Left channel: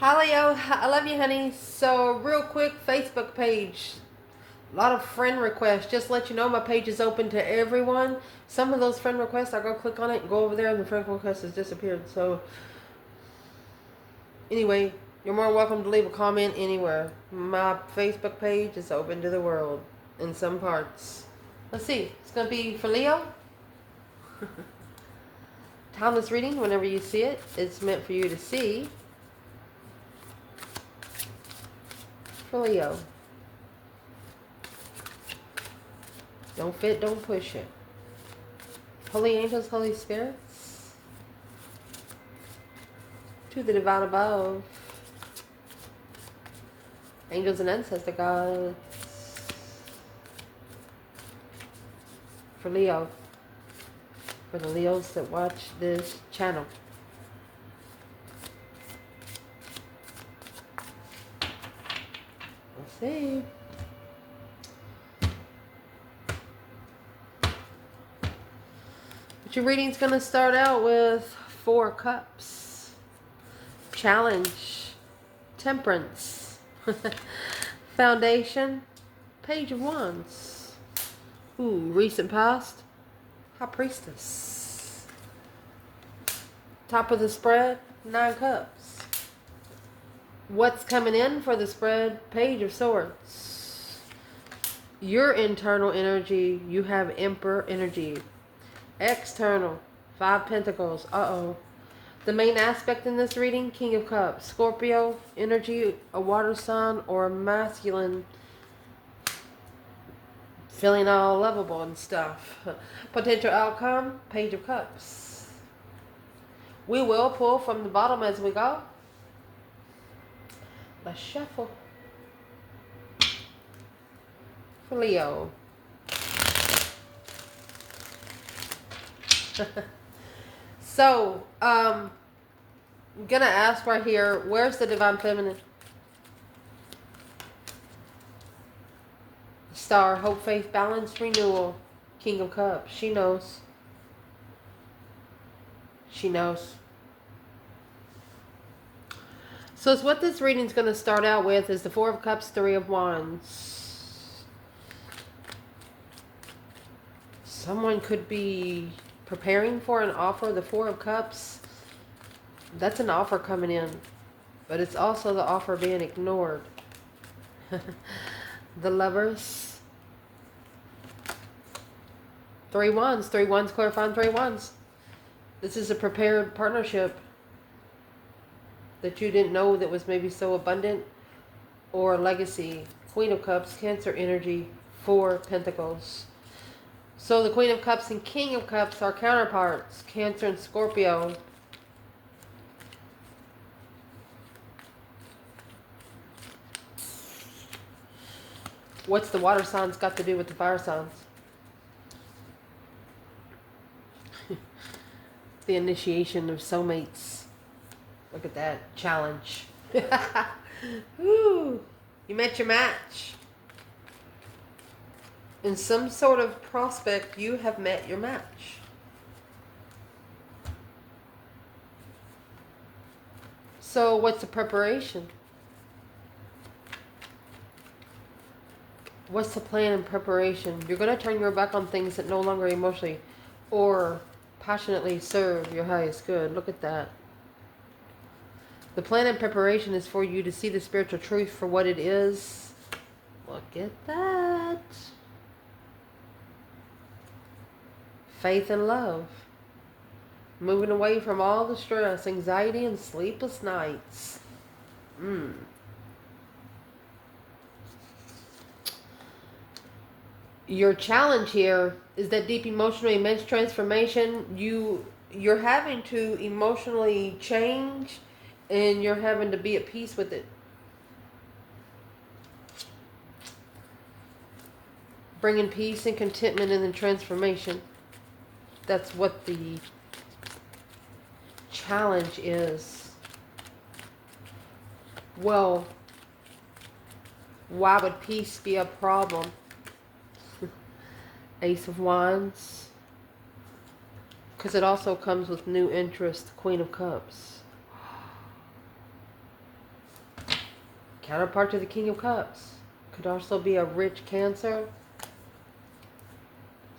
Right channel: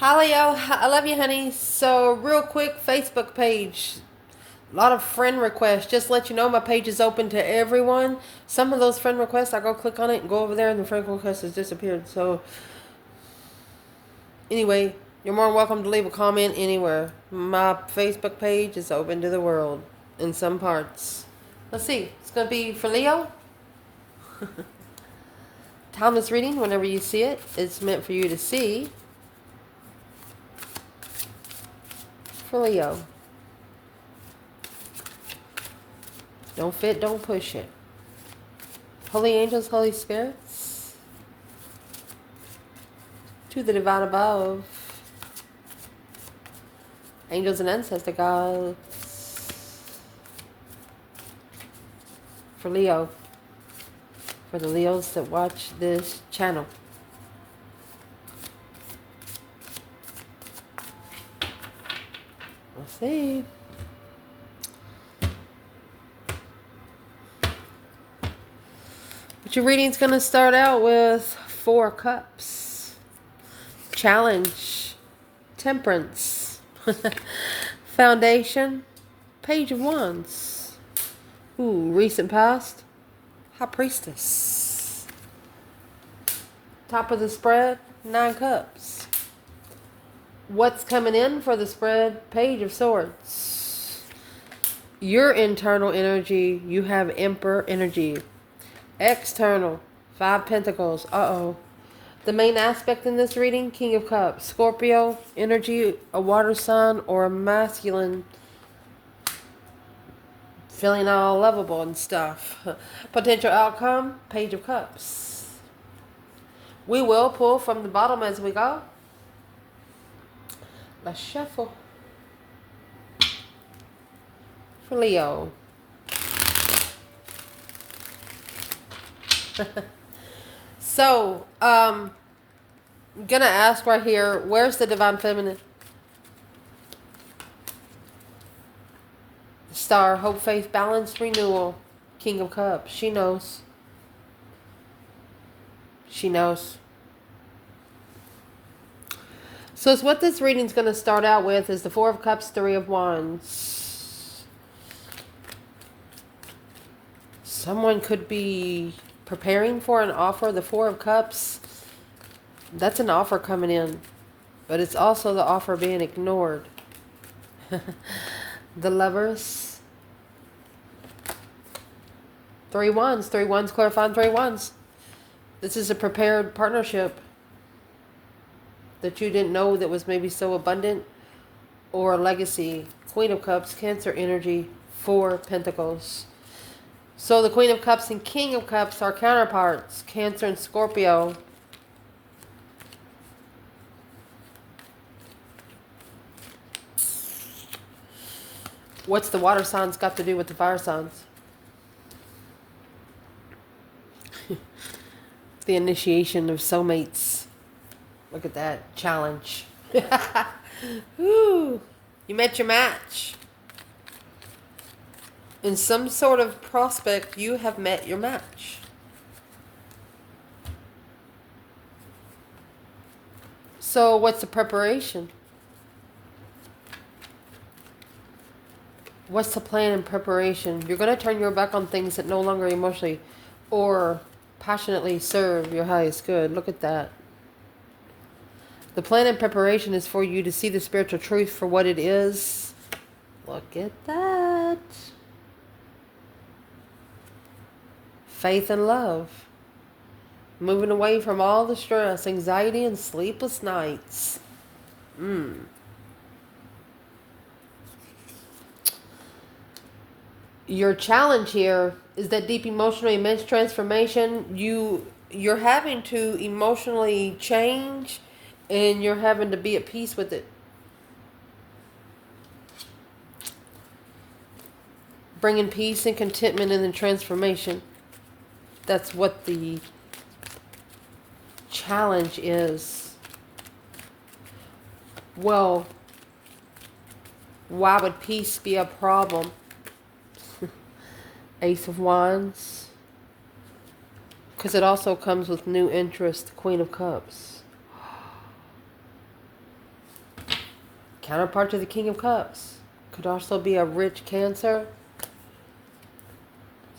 Hi Leo, I love you, honey. So, real quick, Facebook page. A lot of friend requests. Just let you know, my page is open to everyone. Some of those friend requests, I go click on it and go over there, and the friend request has disappeared. So, anyway, you're more than welcome to leave a comment anywhere. My Facebook page is open to the world in some parts. Let's see. It's going to be for Leo. Timeless reading, whenever you see it, it's meant for you to see. For Leo. Don't fit, don't push it. Holy angels, Holy spirits, to the divine above, angels and ancestor gods, for Leo, for the Leos that watch this channel. Let's see. But your reading's going to start out with 4 cups. Challenge. Temperance. Foundation. Page of Wands. Ooh, recent past. High Priestess. Top of the spread. 9 cups. What's coming in for the spread? Page of Swords. Your internal energy. You have Emperor energy. External. 5 Pentacles. Uh-oh. The main aspect in this reading, King of Cups. Scorpio energy, a water sign, or a masculine, feeling all lovable and stuff. Potential outcome, Page of Cups. We will pull from the bottom as we go. Let's shuffle. For Leo. So, I'm gonna ask right here, where's the divine feminine? Star, hope, faith, balance, renewal, King of Cups. She knows. She knows. So it's what this reading's going to start out with is the 4 of Cups, 3 of Wands. Someone could be preparing for an offer. The 4 of Cups, that's an offer coming in. But it's also the offer being ignored. The Lovers. 3 Wands. 3 Wands clarifying 3 Wands. This is a prepared partnership that you didn't know that was maybe so abundant, or a legacy. Queen of Cups, Cancer energy, 4 Pentacles. So the Queen of Cups and King of Cups are counterparts, Cancer and Scorpio. What's the water signs got to do with the fire signs? The initiation of soulmates. Look at that challenge. Woo! You met your match. In some sort of prospect, you have met your match. So what's the preparation? What's the plan in preparation? You're going to turn your back on things that no longer emotionally or passionately serve your highest good. Look at that. The plan and preparation is for you to see the spiritual truth for what it is. Look at that. Faith and love. Moving away from all the stress, anxiety, and sleepless nights. Your challenge here is that deep emotional immense transformation. You're having to emotionally change, and you're having to be at peace with it. Bringing peace and contentment in the transformation. That's what the challenge is. Well, why would peace be a problem? Ace of Wands. Because it also comes with new interest, Queen of Cups. Counterpart to the King of Cups. Could also be a rich Cancer.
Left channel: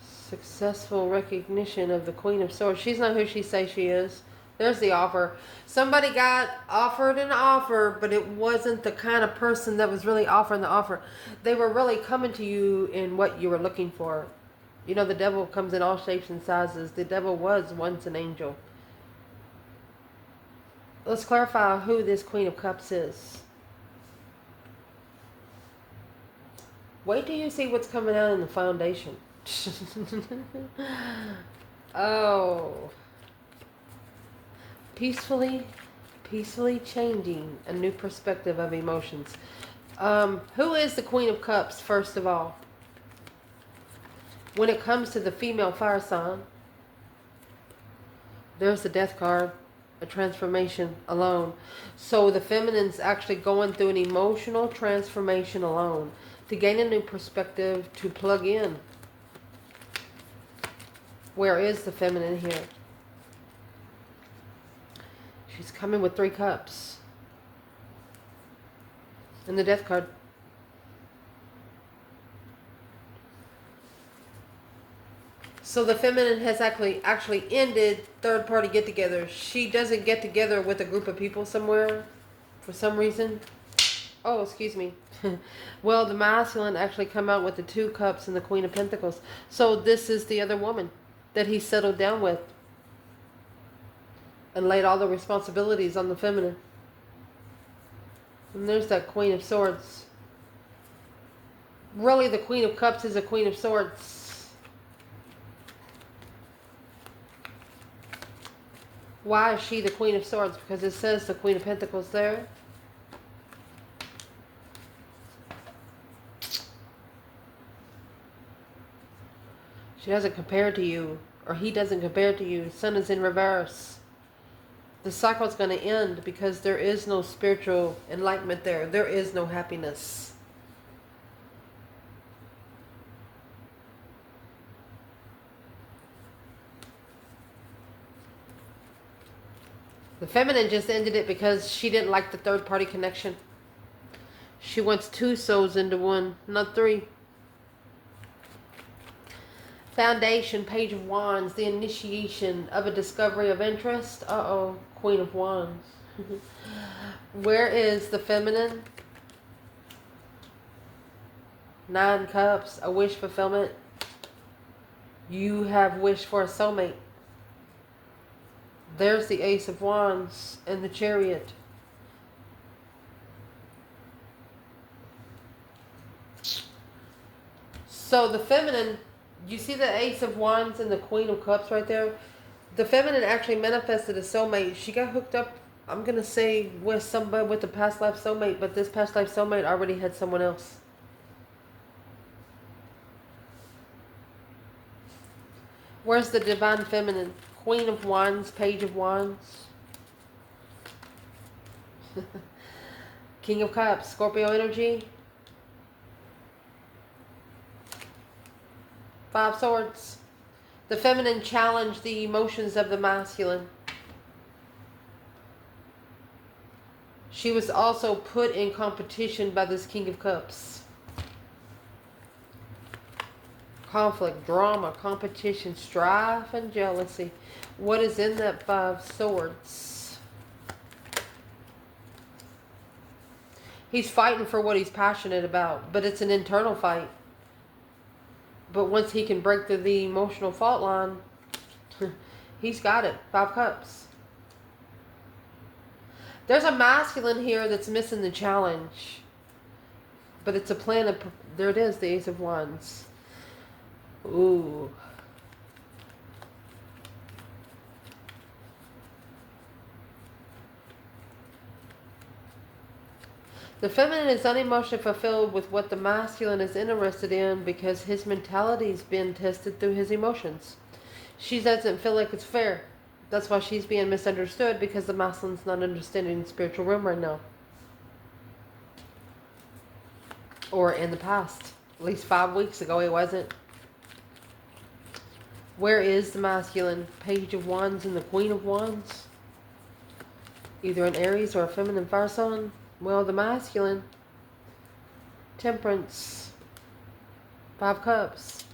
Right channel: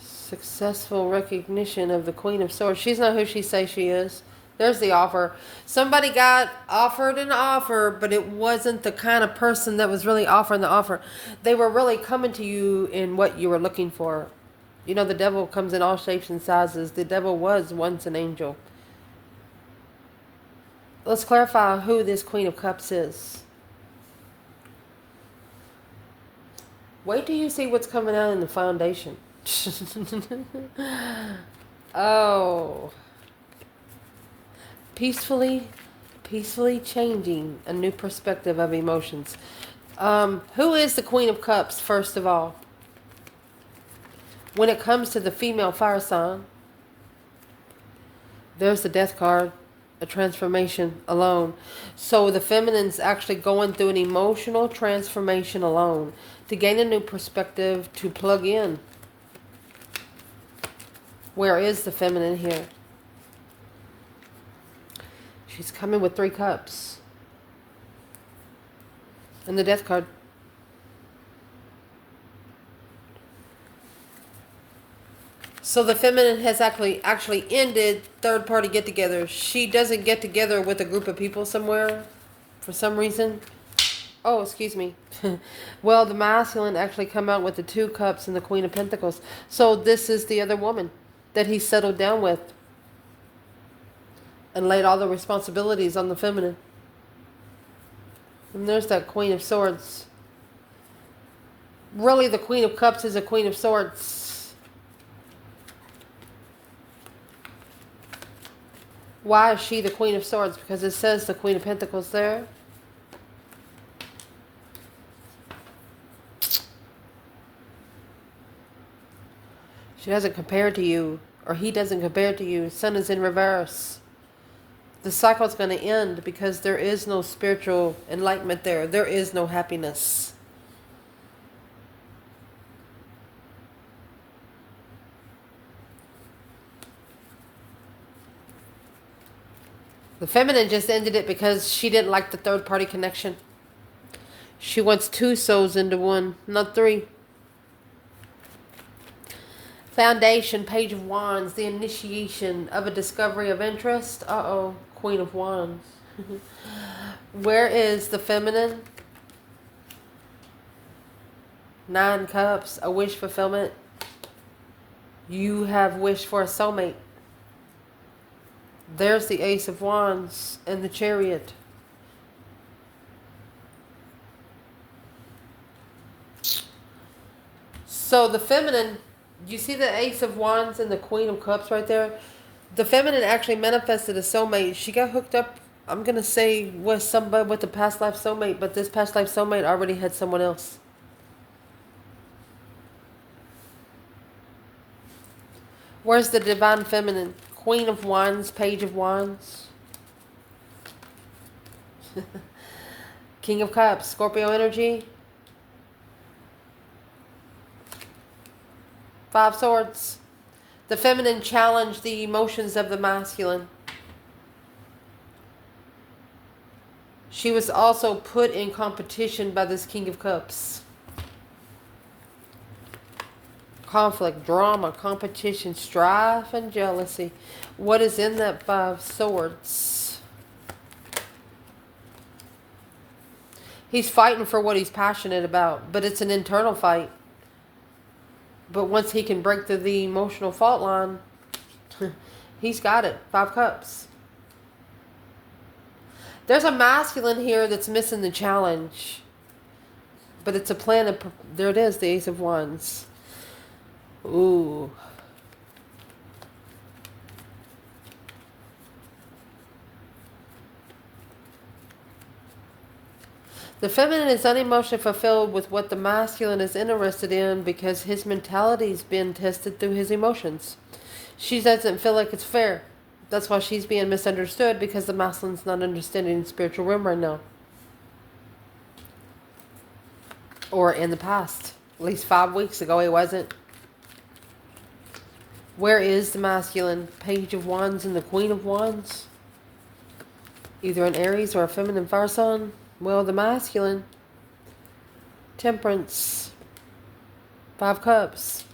Successful recognition of the Queen of Swords. She's not who she says she is. There's the offer. Somebody got offered an offer, but it wasn't the kind of person that was really offering the offer. They were really coming to you in what you were looking for. You know, the devil comes in all shapes and sizes. The devil was once an angel. Let's clarify who this Queen of Cups is. Wait till you see what's coming out in the foundation. Oh. Peacefully changing a new perspective of emotions. Who is the Queen of Cups, first of all? When it comes to the female fire sign, there's the Death card, a transformation alone. So the feminine's actually going through an emotional transformation alone to gain a new perspective, to plug in. Where is the feminine here? She's coming with 3 cups. And the Death card. So the feminine has actually ended third party get-togethers. She doesn't get together with a group of people somewhere for some reason. Oh, excuse me. Well, the masculine actually come out with the 2 cups and the Queen of Pentacles. So this is the other woman that he settled down with and laid all the responsibilities on the feminine. And there's that Queen of Swords. Really, the Queen of Cups is a Queen of Swords. Why is she the Queen of Swords? Because it says the Queen of Pentacles there. She doesn't compare to you, or he doesn't compare to you. Sun is in reverse. The cycle is going to end because there is no spiritual enlightenment there. There is no happiness. The feminine just ended it because she didn't like the third party connection. She wants 2 souls into one, not 3. Foundation, Page of Wands, the initiation of a discovery of interest. Uh-oh, Queen of Wands. Where is the feminine? 9 cups, a wish fulfillment. You have wished for a soulmate. There's the Ace of Wands and the Chariot. So the feminine, you see the Ace of Wands and the Queen of Cups right there? The feminine actually manifested a soulmate. She got hooked up, I'm going to say, with somebody with a past life soulmate, but this past life soulmate already had someone else. Where's the divine feminine? Queen of Wands, Page of Wands. King of Cups, Scorpio energy. 5 swords. The feminine challenged the emotions of the masculine. She was also put in competition by this King of Cups. Conflict, drama, competition, strife, and jealousy. What is in that 5 swords? He's fighting for what he's passionate about, but it's an internal fight. But once he can break through the emotional fault line, he's got it. 5 cups. There's a masculine here that's missing the challenge. But it's a plan of... There it is, the Ace of Wands. Ooh. The feminine is unemotionally fulfilled with what the masculine is interested in because his mentality's been tested through his emotions. She doesn't feel like it's fair. That's why she's being misunderstood, because the masculine's not understanding the spiritual realm right now. Or in the past. At least 5 weeks ago he wasn't. Where is the masculine? Page of Wands and the Queen of Wands. Either an Aries or a feminine fire sign. Well, the masculine Temperance. 5 cups.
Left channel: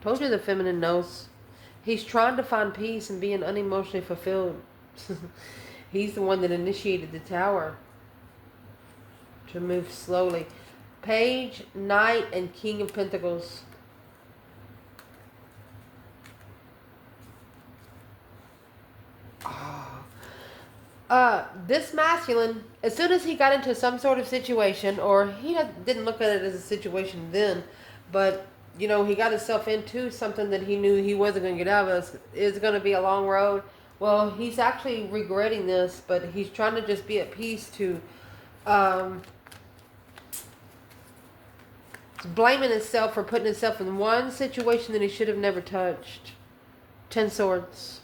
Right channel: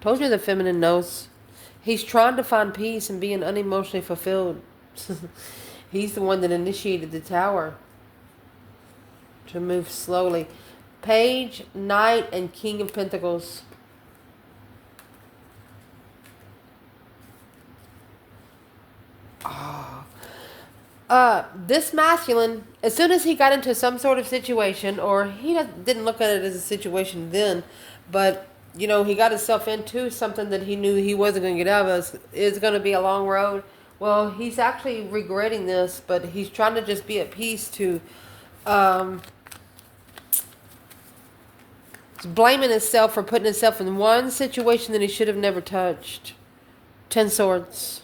Told you the feminine knows. He's trying to find peace and being unemotionally fulfilled. He's the one that initiated the tower to move slowly. Page, Knight, and King of Pentacles. This masculine, as soon as he got into some sort of situation, or he didn't look at it as a situation then, but, you know, he got himself into something that he knew he wasn't going to get out of. It's going to be a long road. Well, he's actually regretting this, but he's trying to just be at peace to, blaming himself for putting himself in one situation that he should have never touched. 10 swords.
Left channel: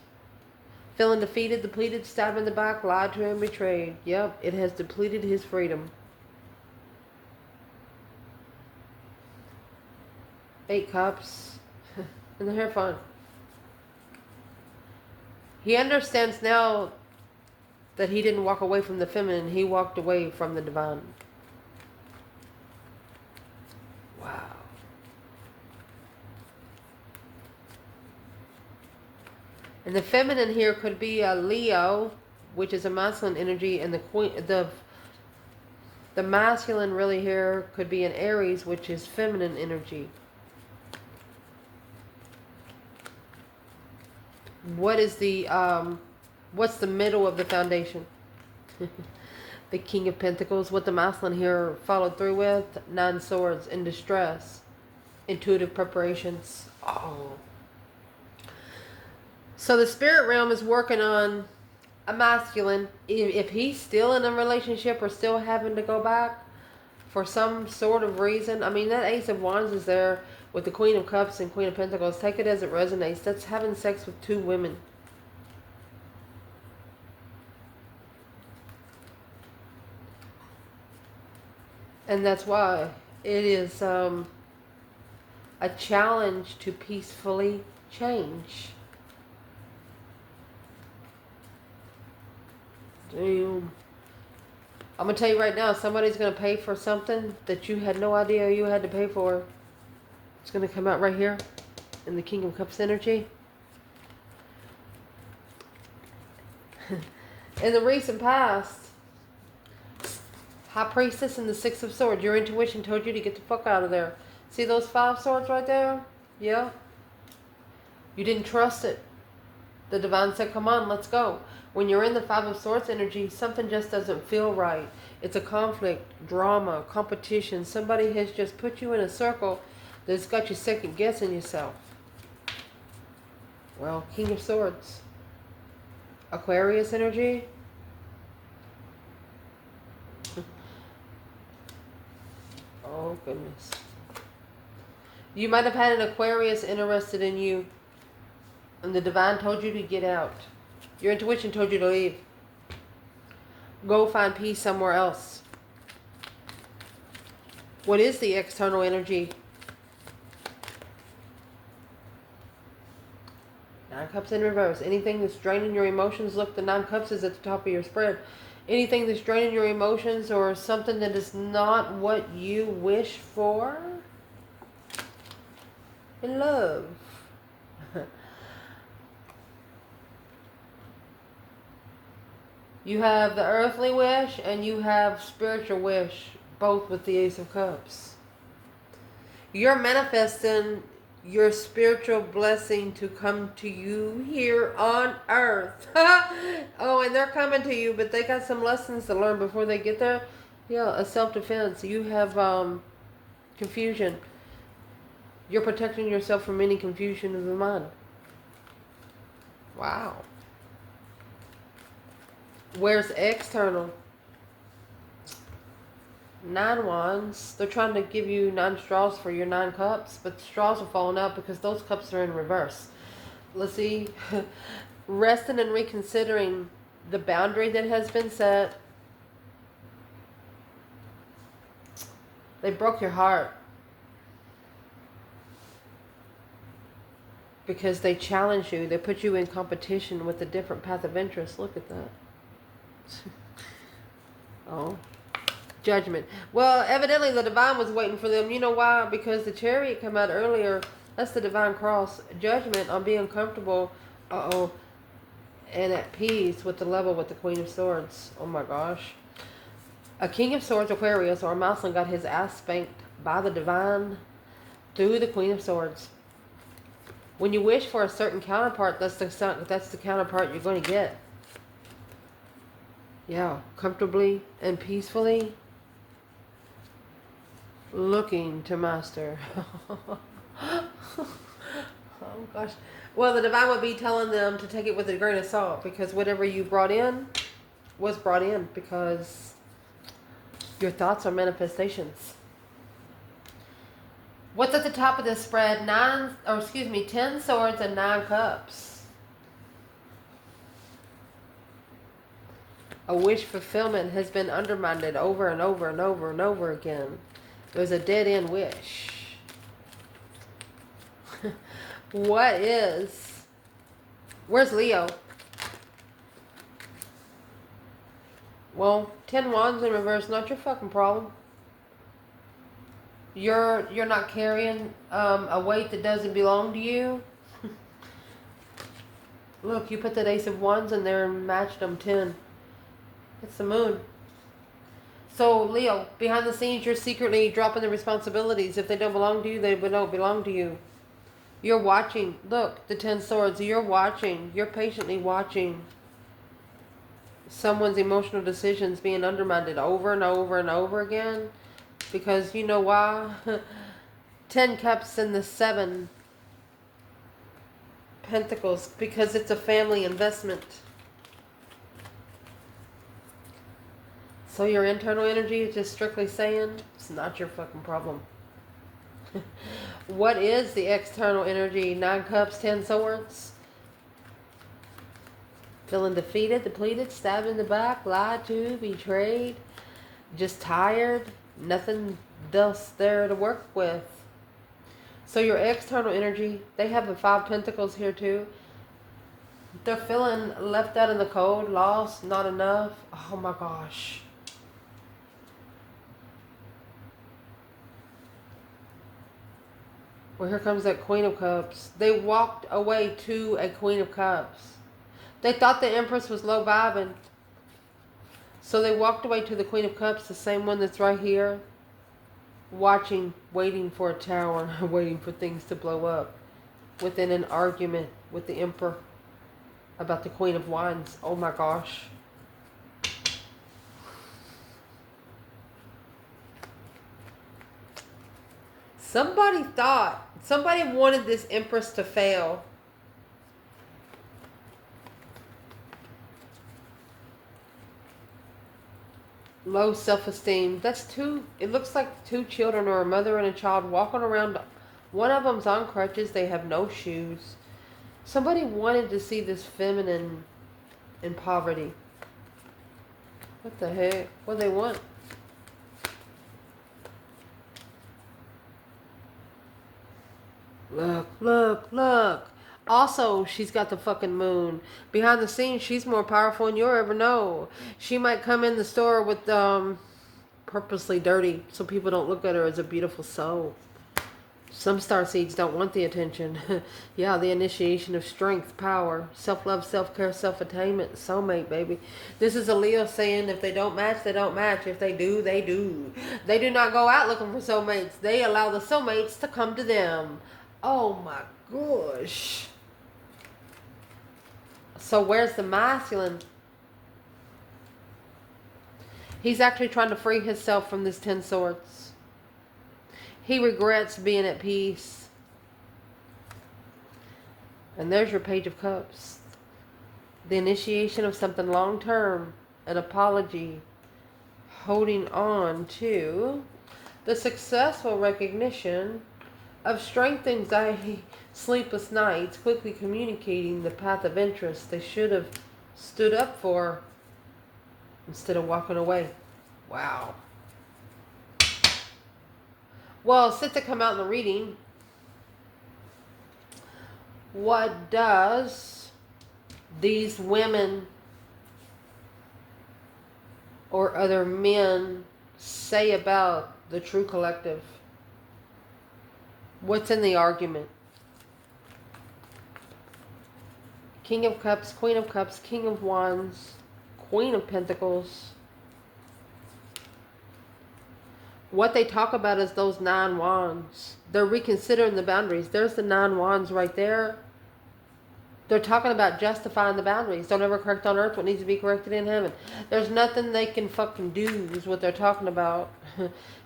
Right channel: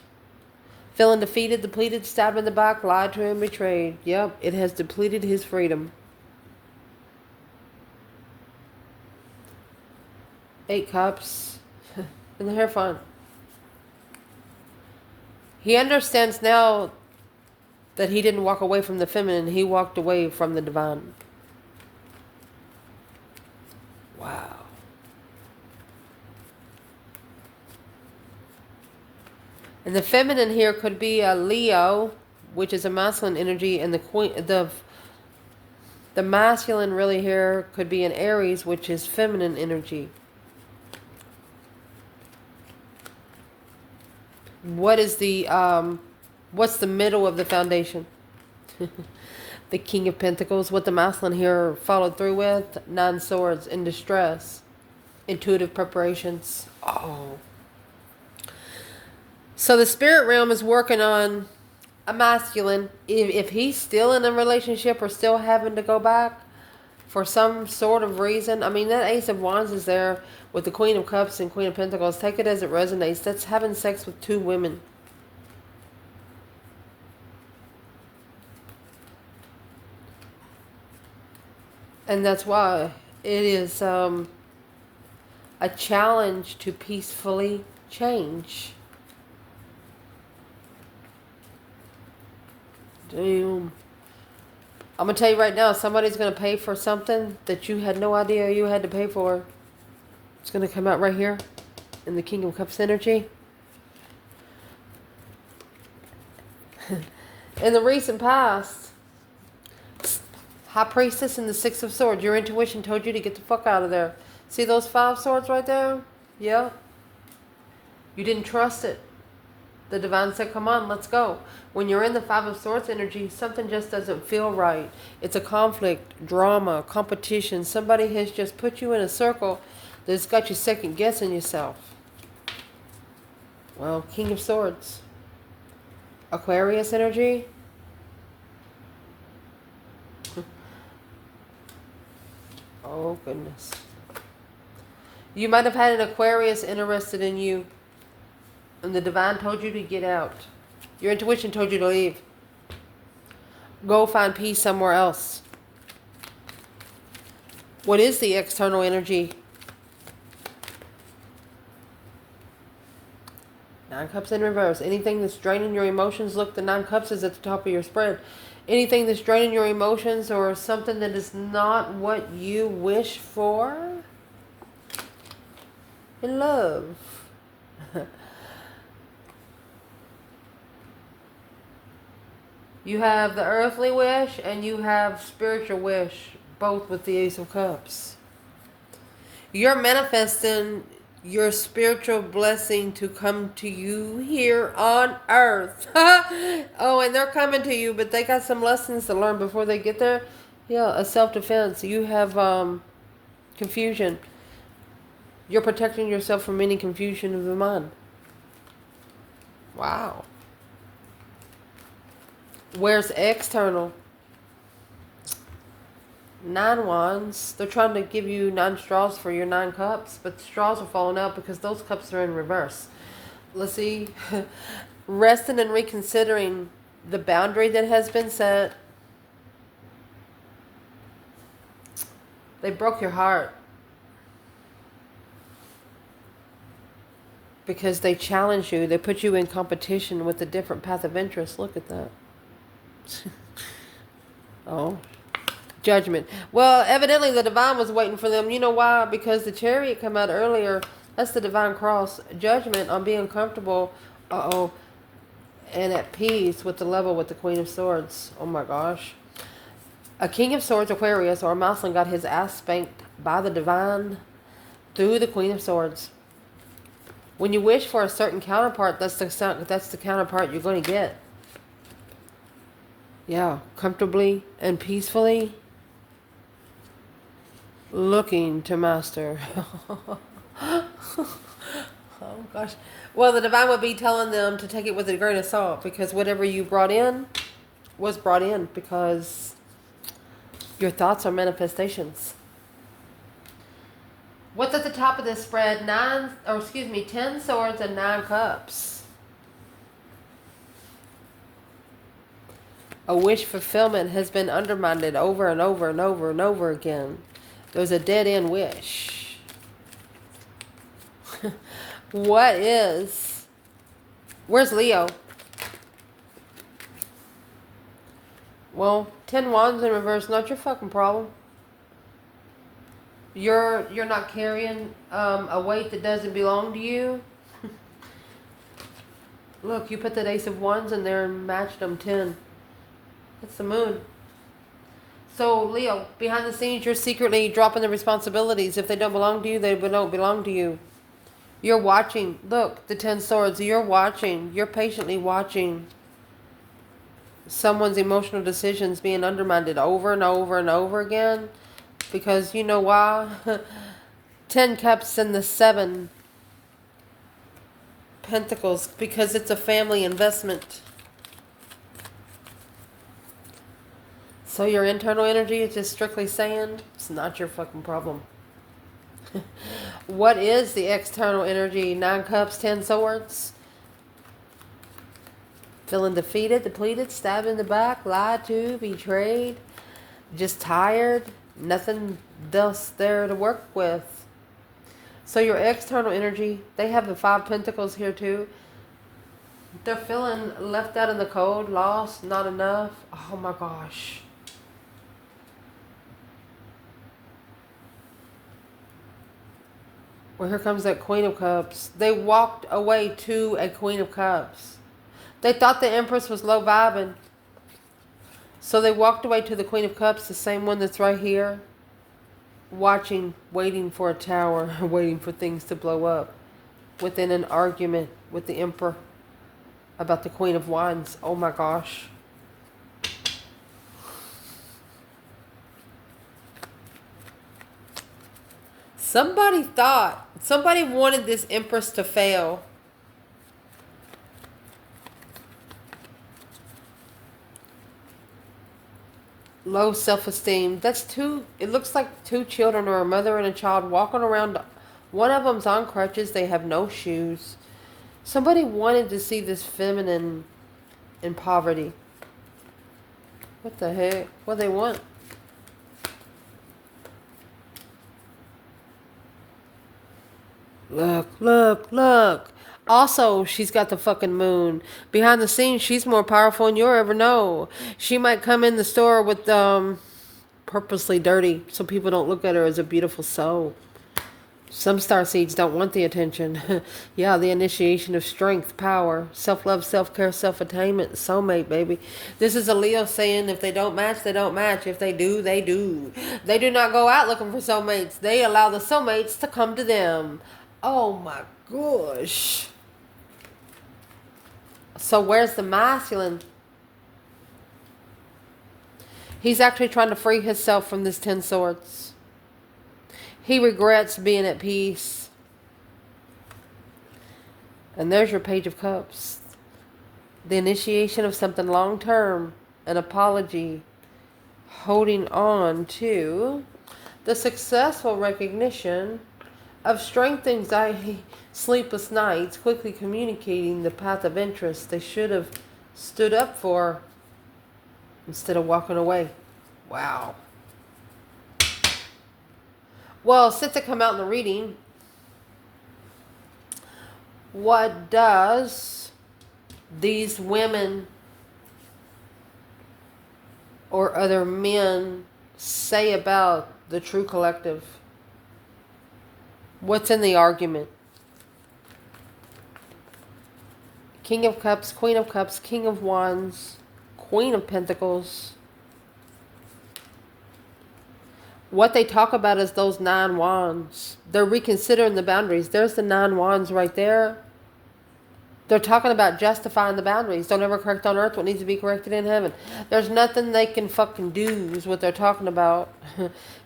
Feeling defeated, depleted, stabbed in the back, lied to and betrayed. Yep, it has depleted his freedom. 8 cups. And the Hierophant. He understands now that he didn't walk away from the feminine. He walked away from the divine. Wow. And the feminine here could be a Leo, which is a masculine energy, and the masculine really here could be an Aries, which is feminine energy. What is the what's the middle of the foundation? The King of Pentacles. What the masculine here followed through with: 9 swords, in distress, intuitive preparations. Oh. So the spirit realm is working on a masculine. If he's still in a relationship or still having to go back for some sort of reason. I mean, that Ace of Wands is there with the Queen of Cups and Queen of Pentacles. Take it as it resonates. That's having sex with 2 women. And that's why it is a challenge to peacefully change. Damn. I'm going to tell you right now, somebody's going to pay for something that you had no idea you had to pay for. It's going to come out right here in the King of Cups energy. In the recent past, High Priestess and the 6 of Swords, your intuition told you to get the fuck out of there. See those 5 swords right there? Yeah. You didn't trust it. The divine said, come on, let's go. When you're in the 5 of Swords energy, something just doesn't feel right. It's a conflict, drama, competition. Somebody has just put you in a circle that's got you second guessing yourself. Well, King of Swords. Aquarius energy. Oh, goodness. You might have had an Aquarius interested in you, and the divine told you to get out. Your intuition told you to leave. Go find peace somewhere else. What is the external energy? 9 cups in reverse. Anything that's draining your emotions. Look, the 9 cups is at the top of your spread. Anything that's draining your emotions or something that is not what you wish for in love. You have the earthly wish and you have spiritual wish, both with the Ace of Cups. You're manifesting your spiritual blessing to come to you here on earth. Oh, and they're coming to you, but they got some lessons to learn before they get there. Yeah, a self-defense. You have confusion. You're protecting yourself from any confusion of the mind. Wow. Where's external? 9 wands. They're trying to give you 9 straws for your 9 cups, but the straws are falling out because those cups are in reverse. Let's see. Resting and reconsidering the boundary that has been set. They broke your heart because they challenge you. They put you in competition with a different path of interest. Look at that. Oh. Judgment. Well, evidently the divine was waiting for them. You know why? Because the chariot come out earlier. That's the divine cross. Judgment on being comfortable. Uh-oh. And at peace with the level with the Queen of Swords. Oh my gosh. A King of Swords, Aquarius, or a Muslim got his ass spanked by the divine through the Queen of Swords. When you wish for a certain counterpart, that's the counterpart you're going to get. Yeah, comfortably and peacefully looking to master. Oh gosh. Well, the divine would be telling them to take it with a grain of salt, because whatever you brought in was brought in, because your thoughts are manifestations. What's at the top of this spread? 10 swords and 9 cups. A wish fulfillment has been undermined over and over and over and over again. There's a dead end wish. Where's Leo? Well, 10 wands in reverse, not your fucking problem. You're not carrying a weight that doesn't belong to you. Look, you put that Ace of Wands in there and matched them 10. It's the moon. So, Leo, behind the scenes, you're secretly dropping the responsibilities. If they don't belong to you, they don't belong to you. You're watching. Look, the 10 swords. You're watching. You're patiently watching someone's emotional decisions being undermined over and over and over again. Because you know why? 10 cups and the 7 pentacles. Because it's a family investment. So your internal energy is just strictly saying it's not your fucking problem. What is the external energy? 9 cups, 10 swords. Feeling defeated, depleted, stabbed in the back, lied to, betrayed, just tired, nothing else there to work with. So your external energy, they have the 5 pentacles here too. They're feeling left out in the cold, lost, not enough. Oh my gosh. Well, here comes that Queen of Cups. They walked away to a Queen of Cups. They thought the Empress was low vibing. So they walked away to the Queen of Cups, the same one that's right here. Watching, waiting for a tower, waiting for things to blow up. Within an argument with the Emperor about the Queen of Wands. Oh my gosh. Somebody wanted this Empress to fail. Low self-esteem. It looks like 2 children or a mother and a child walking around. One of them's on crutches. They have no shoes. Somebody wanted to see this feminine in poverty. What the heck? What do they want? Look, look, look. Also, she's got the fucking moon. Behind the scenes, she's more powerful than you'll ever know. She might come in the store with purposely dirty so people don't look at her as a beautiful soul. Some starseeds don't want the attention. Yeah, the initiation of strength, power, self-love, self-care, self-attainment, soulmate, baby. This is a Leo saying if they don't match, they don't match. If they do, they do. They do not go out looking for soulmates. They allow the soulmates to come to them. Oh my gosh. So where's the masculine? He's actually trying to free himself from this 10 swords. He regrets being at peace. And there's your Page of Cups. The initiation of something long term. An apology. Holding on to the successful recognition of strength, anxiety, sleepless nights, quickly communicating the path of interest they should have stood up for instead of walking away. Wow. Well, since it come out in the reading, what does these women or other men say about the true collective? What's in the argument? King of Cups, Queen of Cups, King of Wands, Queen of Pentacles. What they talk about is those 9 wands. They're reconsidering the boundaries. There's the 9 wands right there. They're talking about justifying the boundaries. Don't ever correct on earth what needs to be corrected in heaven. There's nothing they can fucking do is what they're talking about.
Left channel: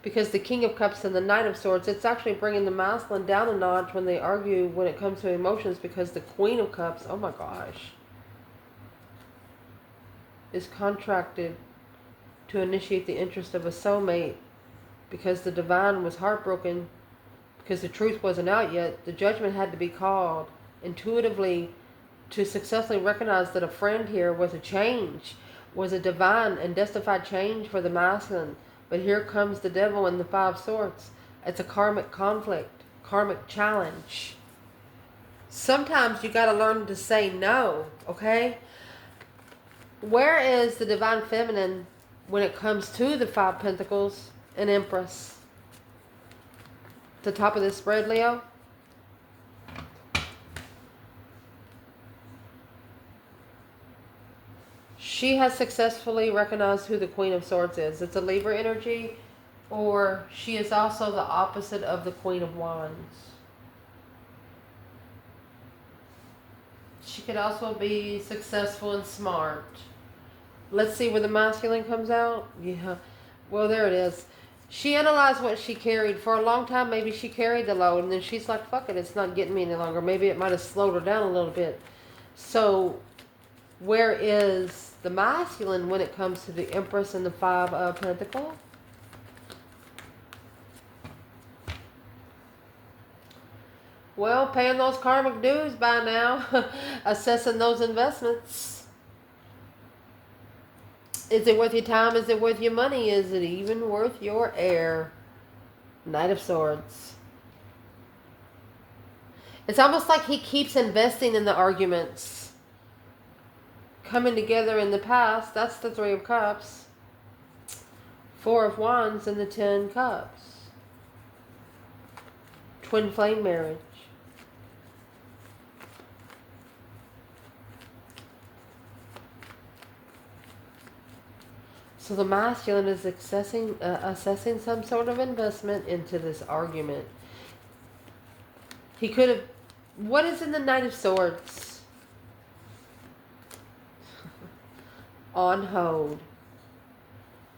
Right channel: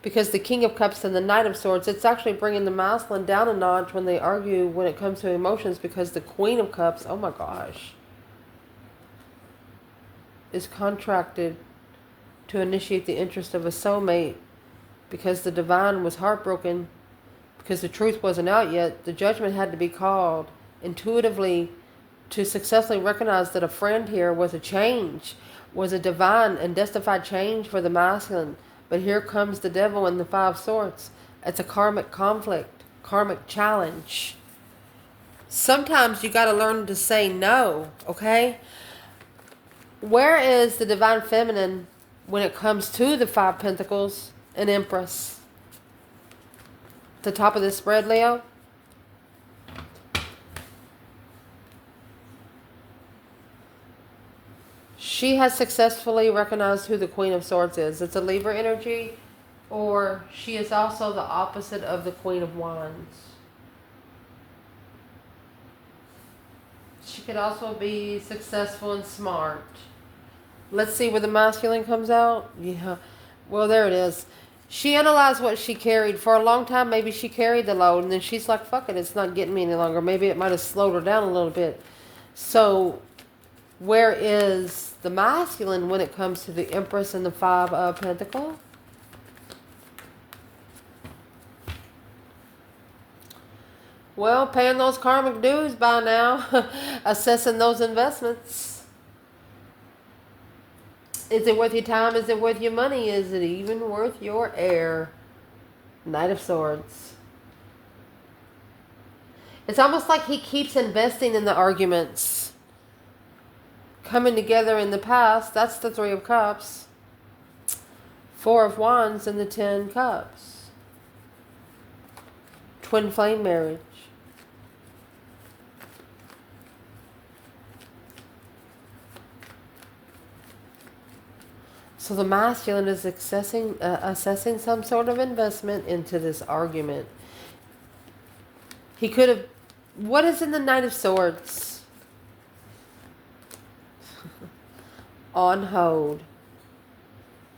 Because the King of Cups and the Knight of Swords, it's actually bringing the masculine down a notch when they argue when it comes to emotions, because the Queen of Cups, oh my gosh, is contracted to initiate the interest of a soulmate because the divine was heartbroken because the truth wasn't out yet. The judgment had to be called intuitively to successfully recognize that a friend here was a change, was a divine and justified change for the masculine. But here comes the devil in the 5 swords. It's a karmic conflict, karmic challenge. Sometimes you got to learn to say no, okay? Where is the divine feminine when it comes to the 5 pentacles and Empress? The top of this spread, Leo. She has successfully recognized who the Queen of Swords is. It's a Libra energy, or she is also the opposite of the Queen of Wands. She could also be successful and smart. Let's see where the masculine comes out. Yeah, well, there it is. She analyzed what she carried. For a long time, maybe she carried the load, and then she's like, fuck it, it's not getting me any longer. Maybe it might have slowed her down a little bit. So where is the masculine when it comes to the Empress and the 5 of Pentacles? Well, paying those karmic dues by now. Assessing those investments. Is it worth your time? Is it worth your money? Is it even worth your air? Knight of Swords. It's almost like he keeps investing in the arguments. Coming together in the past, that's the 3 of Cups. 4 of Wands and the 10 Cups. Twin flame marriage. So the masculine is assessing some sort of investment into this argument. He could have... What is in the Knight of Swords? On hold.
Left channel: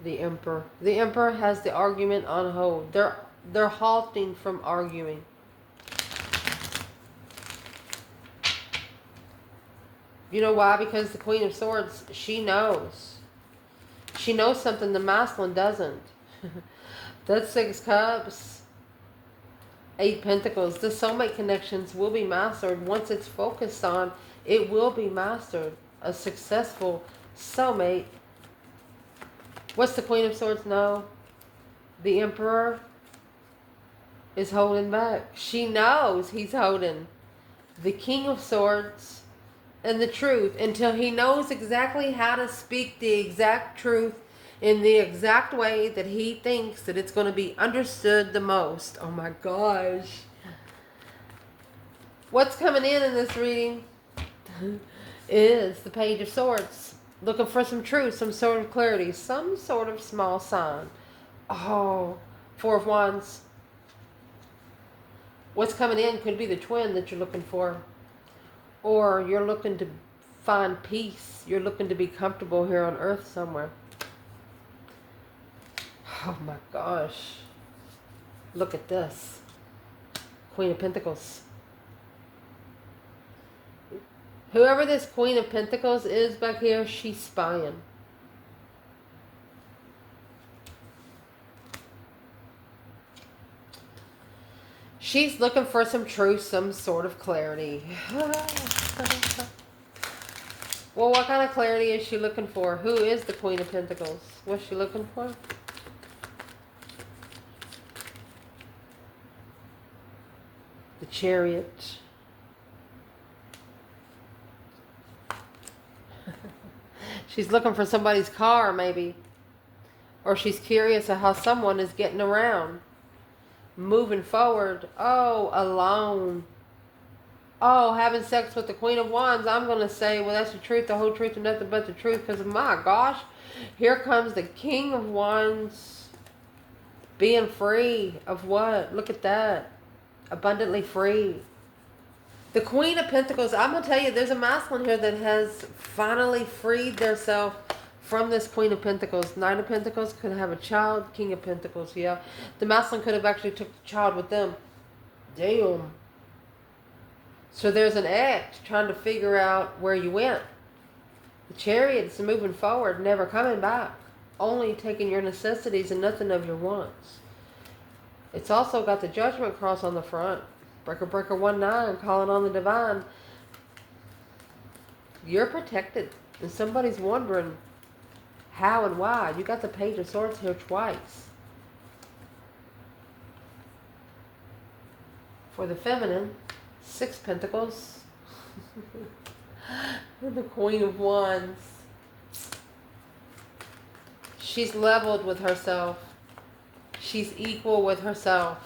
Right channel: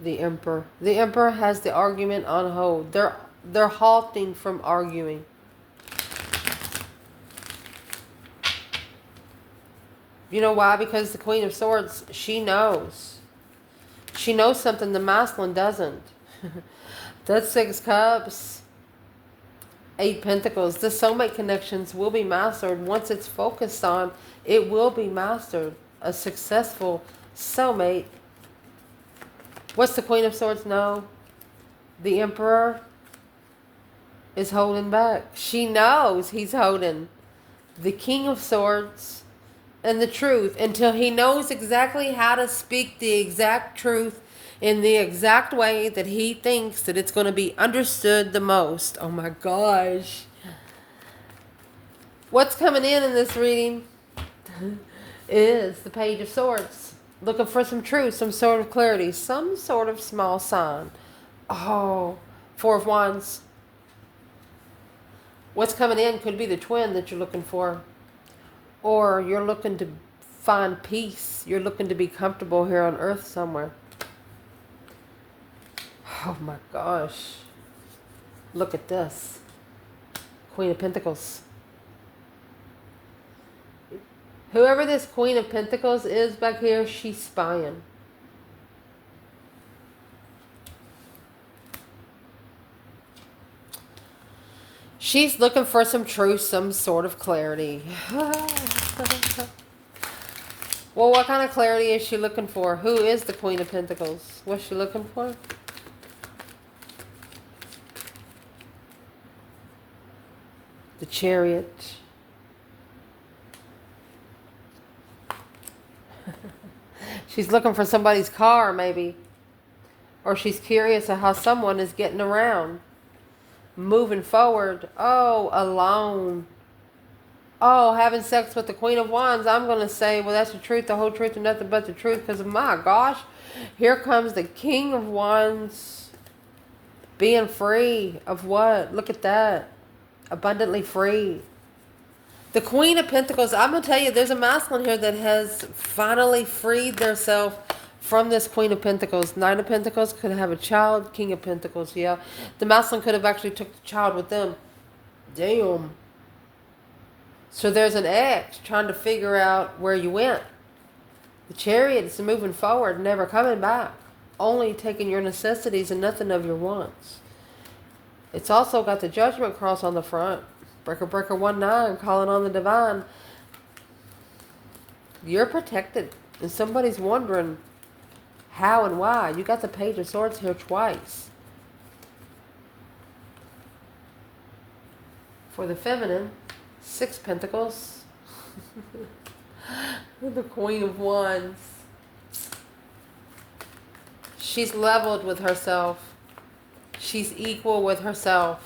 The Emperor. The Emperor has the argument on hold. They're halting from arguing. You know why? Because the Queen of Swords, she knows. She knows something the masculine doesn't. That's 6 Cups. 8 Pentacles. The soulmate connections will be mastered. Once it's focused on, it will be mastered. A successful soulmate. What's the Queen of Swords know? The Emperor is holding back. She knows he's holding. The King of Swords and the truth, until he knows exactly how to speak the exact truth in the exact way that he thinks that it's going to be understood the most. Oh my gosh. What's coming in this reading is the Page of Swords. Looking for some truth, some sort of clarity, some sort of small sign. Oh, 4 of Wands. What's coming in could be the twin that you're looking for. Or you're looking to find peace. You're looking to be comfortable here on earth somewhere. Oh my gosh. Look at this. Queen of Pentacles. Whoever this Queen of Pentacles is back here, she's spying. She's looking for some truth, some sort of clarity. Well, what kind of clarity is she looking for? Who is the Queen of Pentacles? What's she looking for? The Chariot. She's looking for somebody's car, maybe. Or she's curious of how someone is getting around. Moving forward. Oh, alone. Oh, having sex with the Queen of Wands. I'm going to say, well, that's the truth, the whole truth, and nothing but the truth. Because, my gosh, here comes the King of Wands. Being free of what? Look at that. Abundantly free. The Queen of Pentacles. I'm going to tell you, there's a masculine here that has finally freed themselves from this Queen of Pentacles. Nine of Pentacles could have a child. King of Pentacles, yeah. The masculine could have actually took the child with them. Damn. So there's an ex trying to figure out where you went. The Chariot is moving forward, never coming back. Only taking your necessities and nothing of your wants. It's also got the Judgment cross on the front. Breaker, breaker, 1-9, calling on the divine. You're protected. And somebody's wondering how and why. You got the Page of Swords here twice. For the feminine, 6 Pentacles. The Queen of Wands. She's leveled with herself. She's equal with herself.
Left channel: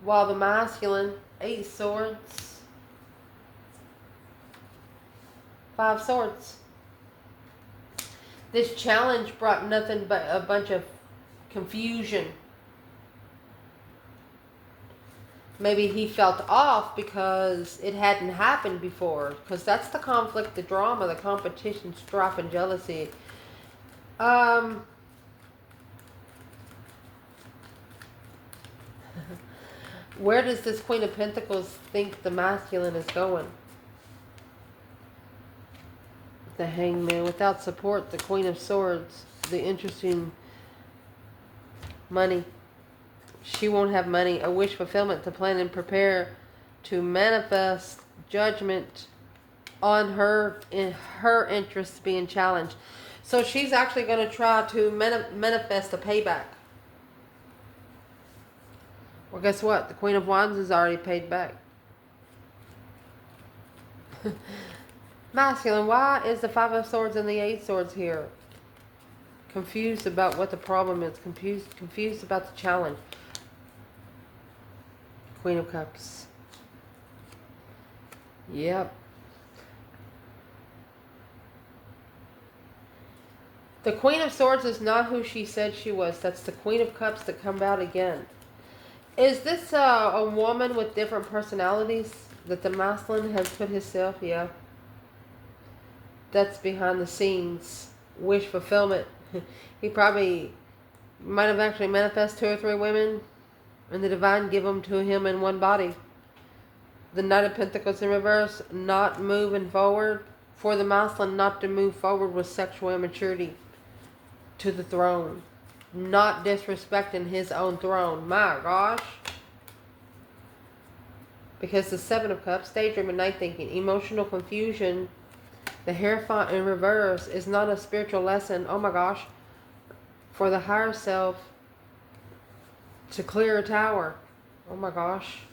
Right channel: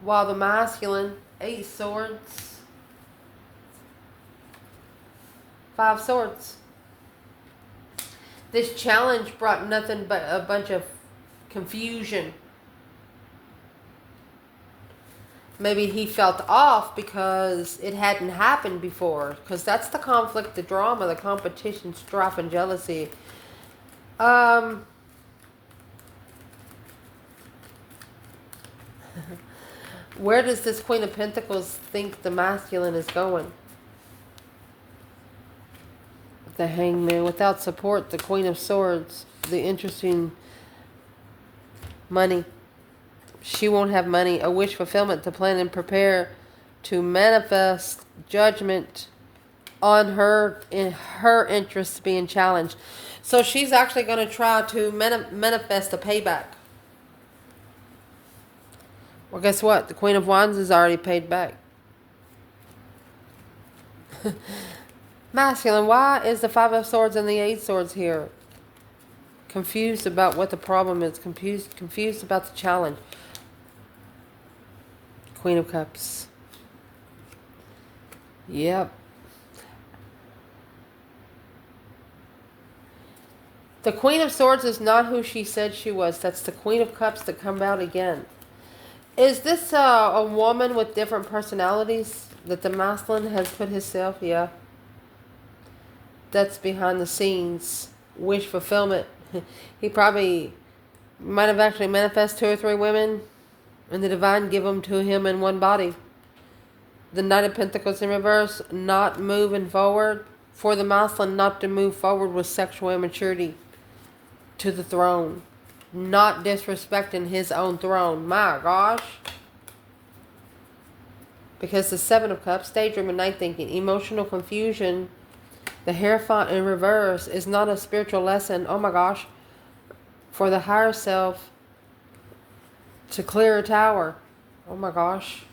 While the masculine, 8 Swords. 5 Swords. This challenge brought nothing but a bunch of confusion. Maybe he felt off because it hadn't happened before. Because that's the conflict, the drama, the competition, strife, and jealousy. Where does this Queen of Pentacles think the masculine is going? The Hangman. Without support, the Queen of Swords. The interesting money. She won't have money. A wish fulfillment to plan and prepare to manifest judgment on her, in her interests being challenged. So she's actually going to try to manifest a payback. Well, guess what? The Queen of Wands is already paid back. Masculine, why is the 5 of Swords and the 8 Swords here? Confused about what the problem is. Confused about the challenge. Queen of Cups. Yep. The Queen of Swords is not who she said she was. That's the Queen of Cups that come out again. Is this a woman with different personalities that the masculine has put himself? Yeah. That's behind the scenes. Wish fulfillment. He probably might have actually manifested 2 or 3 women, and the divine give them to him in one body. The Knight of Pentacles in reverse, not moving forward. For the masculine, not to move forward with sexual immaturity to the throne. Not disrespecting his own throne. My gosh. Because the 7 of Cups, daydream and night thinking, emotional confusion. The Hierophant in reverse is not a spiritual lesson. Oh my gosh. For the higher self to clear a tower. Oh my gosh.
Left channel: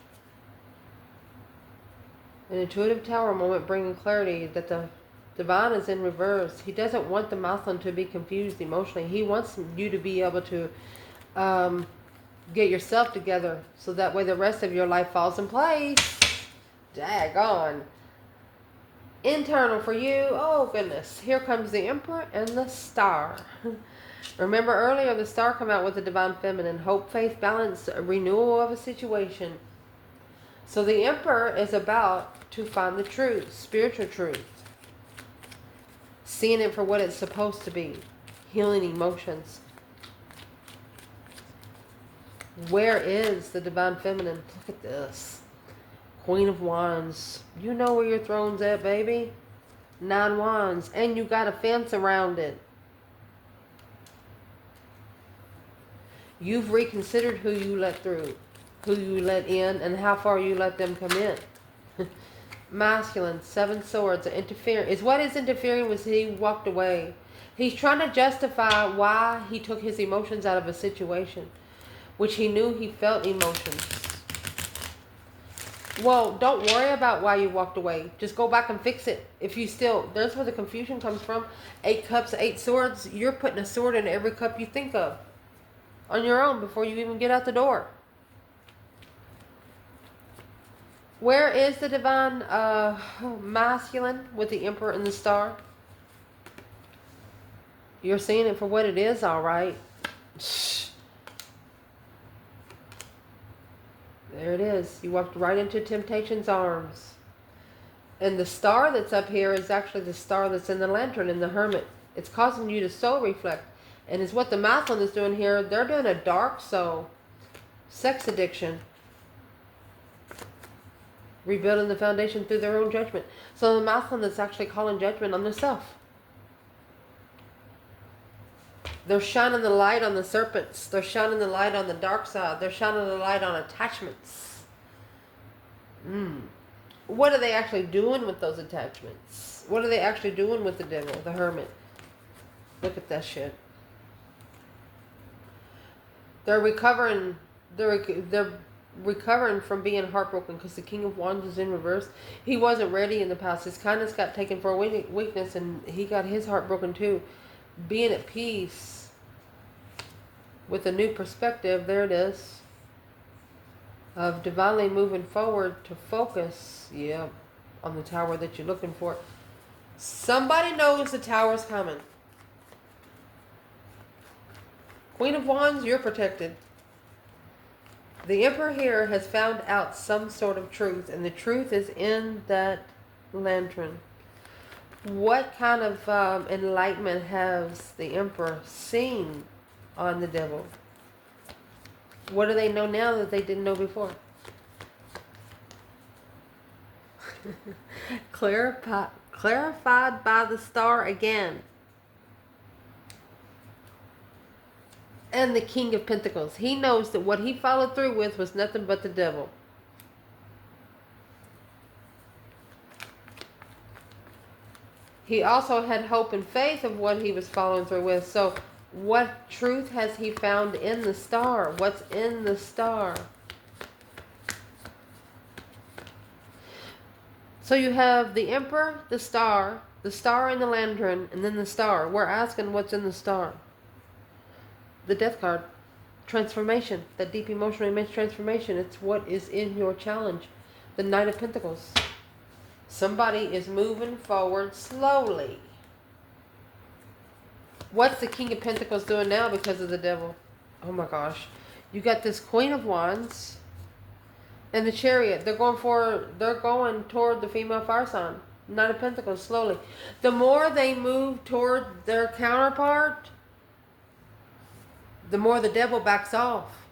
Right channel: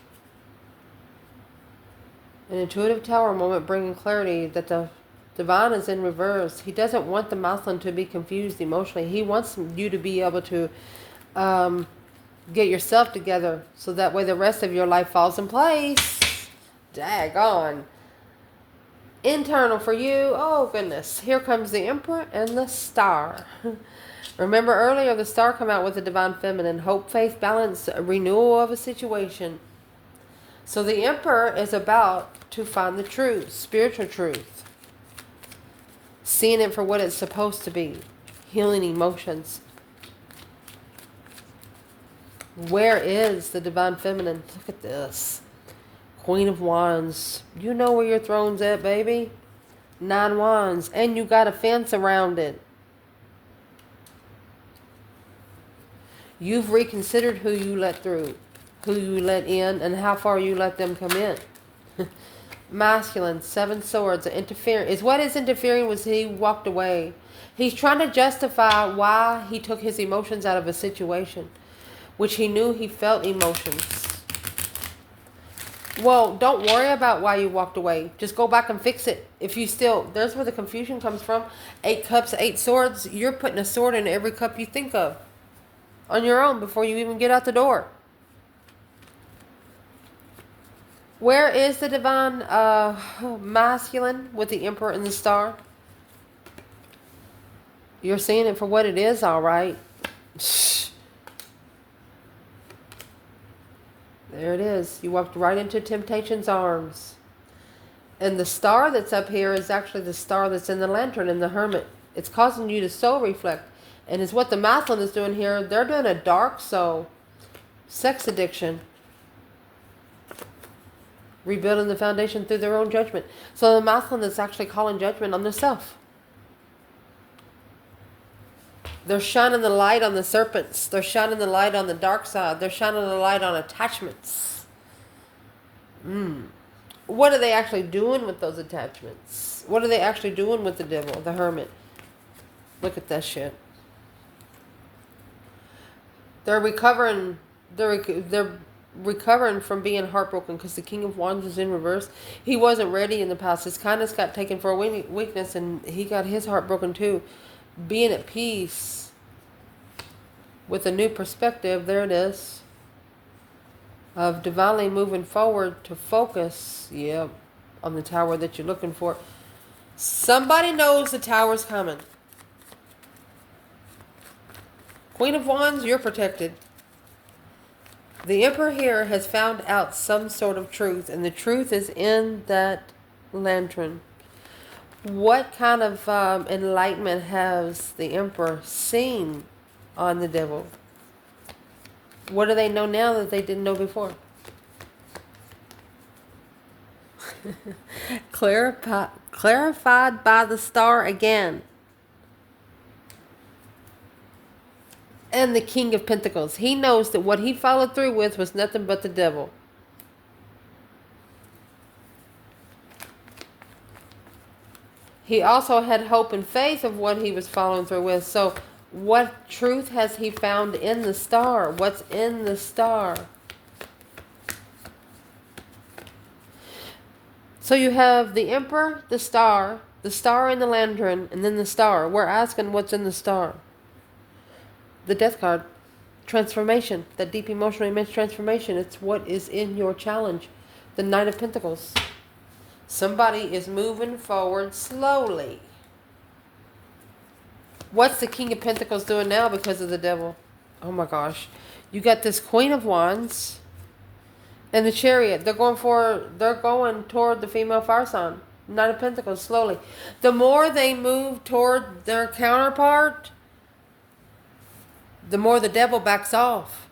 An intuitive tower moment bringing clarity that the divine is in reverse. He doesn't want the masculine to be confused emotionally. He wants you to be able to get yourself together so that way the rest of your life falls in place. Daggone. Internal for you. Oh goodness. Here comes the Emperor and the Star. Remember earlier the Star come out with the divine feminine. Hope, faith, balance, a renewal of a situation. So the Emperor is about to find the truth, spiritual truth. Seeing it for what it's supposed to be. Healing emotions. Where is the divine feminine? Look at this. Queen of Wands. You know where your throne's at, baby. 9 Wands. And you got a fence around it. You've reconsidered who you let through, who you let in, and how far you let them come in. Masculine, 7 Swords, interfering. Is what is interfering was he walked away. He's trying to justify why he took his emotions out of a situation, which he knew he felt emotions. Well, don't worry about why you walked away. Just go back and fix it. If you still, there's where the confusion comes from. 8 cups, 8 swords. You're putting a sword in every cup you think of on your own before you even get out the door. Where is the divine masculine with the emperor and the star? You're seeing it for what it is, all right. There it is. You walked right into temptation's arms. And the star that's up here is actually the star that's in the lantern in the hermit. It's causing you to soul reflect. And it's what the masculine is doing here. They're doing a dark soul. Sex addiction. Rebuilding the foundation through their own judgment. So the masculine is actually calling judgment on themselves. They're shining the light on the serpents. They're shining the light on the dark side. They're shining the light on attachments. What are they actually doing with those attachments? What are they actually doing with the devil, the hermit? Look at that shit. They're recovering. They're recovering from being heartbroken because the King of Wands is in reverse. He wasn't ready in the past. His kindness got taken for a weakness, and he got his heart broken too. Being at peace with a new perspective, there it is, of divinely moving forward to focus, on the tower that you're looking for. Somebody knows the tower's coming. Queen of Wands, you're protected. The Emperor here has found out some sort of truth, and the truth is in that lantern. What kind of enlightenment has the Emperor seen on the devil? What do they know now that they didn't know before? Clarified by the star again. And the King of Pentacles. He knows that what he followed through with was nothing but the devil. He also had hope and faith of what he was following through with. So what truth has he found in the star? What's in the star? So you have the Emperor, the star in the lantern, and then the star. We're asking what's in the star. The Death card. Transformation. That deep emotional immense transformation. It's what is in your challenge. The Knight of Pentacles. Somebody is moving forward slowly. What's the King of Pentacles doing now because of the devil? Oh my gosh. You got this Queen of Wands and the Chariot. They're going toward the female fire sign. Knight of Pentacles slowly. The more they move toward their counterpart, the more the devil backs off.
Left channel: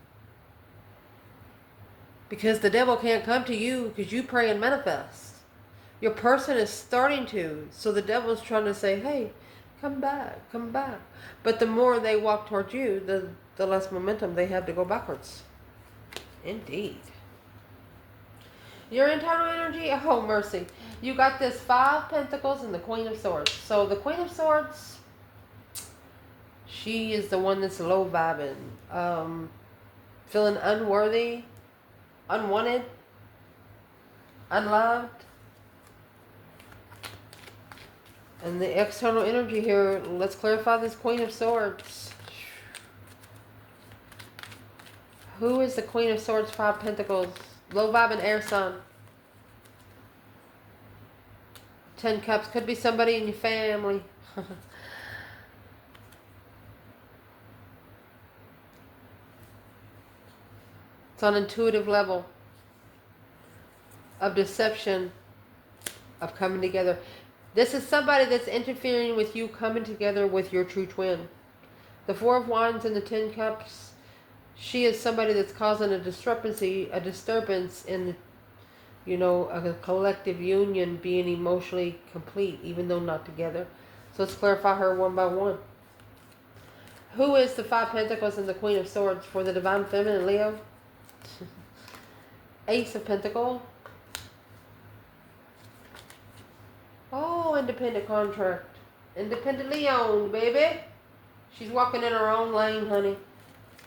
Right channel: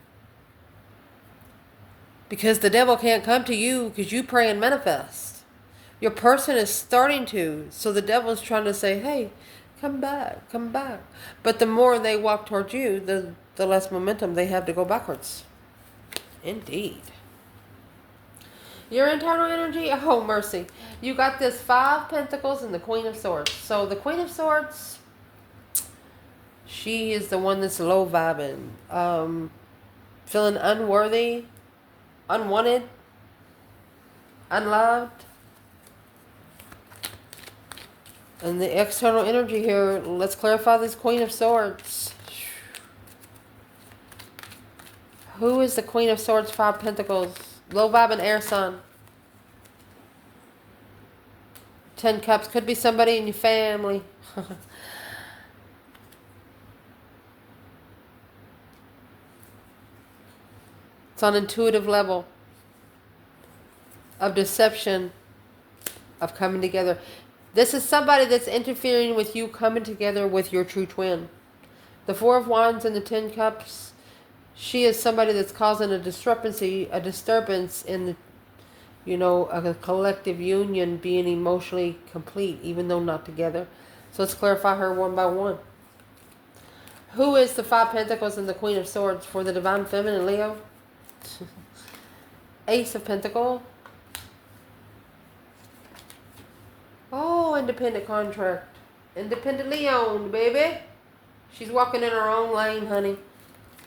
Because the devil can't come to you because you pray and manifest. Your person is starting to. So the devil's trying to say, hey, come back, come back. But the more they walk towards you, the less momentum they have to go backwards. Indeed. Your internal energy, oh mercy. You got this 5 Pentacles and the Queen of Swords. So the Queen of Swords, she is the one that's low vibing. Feeling unworthy, unwanted, unloved. And the external energy here, let's clarify this Queen of Swords. Who is the Queen of Swords, 5 Pentacles? Low vibing air sign. 10 Cups. Could be somebody in your family. It's on an intuitive level of deception, of coming together. This is somebody that's interfering with you coming together with your true twin. The 4 of Wands and the 10 Cups. She is somebody that's causing a discrepancy, a disturbance in the, a collective union being emotionally complete, even though not together. So let's clarify her one by one. Who is the 5 Pentacles and the Queen of Swords for the Divine Feminine, Leo? Ace of Pentacles. Oh, independent contract. Independently owned, baby. She's walking in her own lane, honey.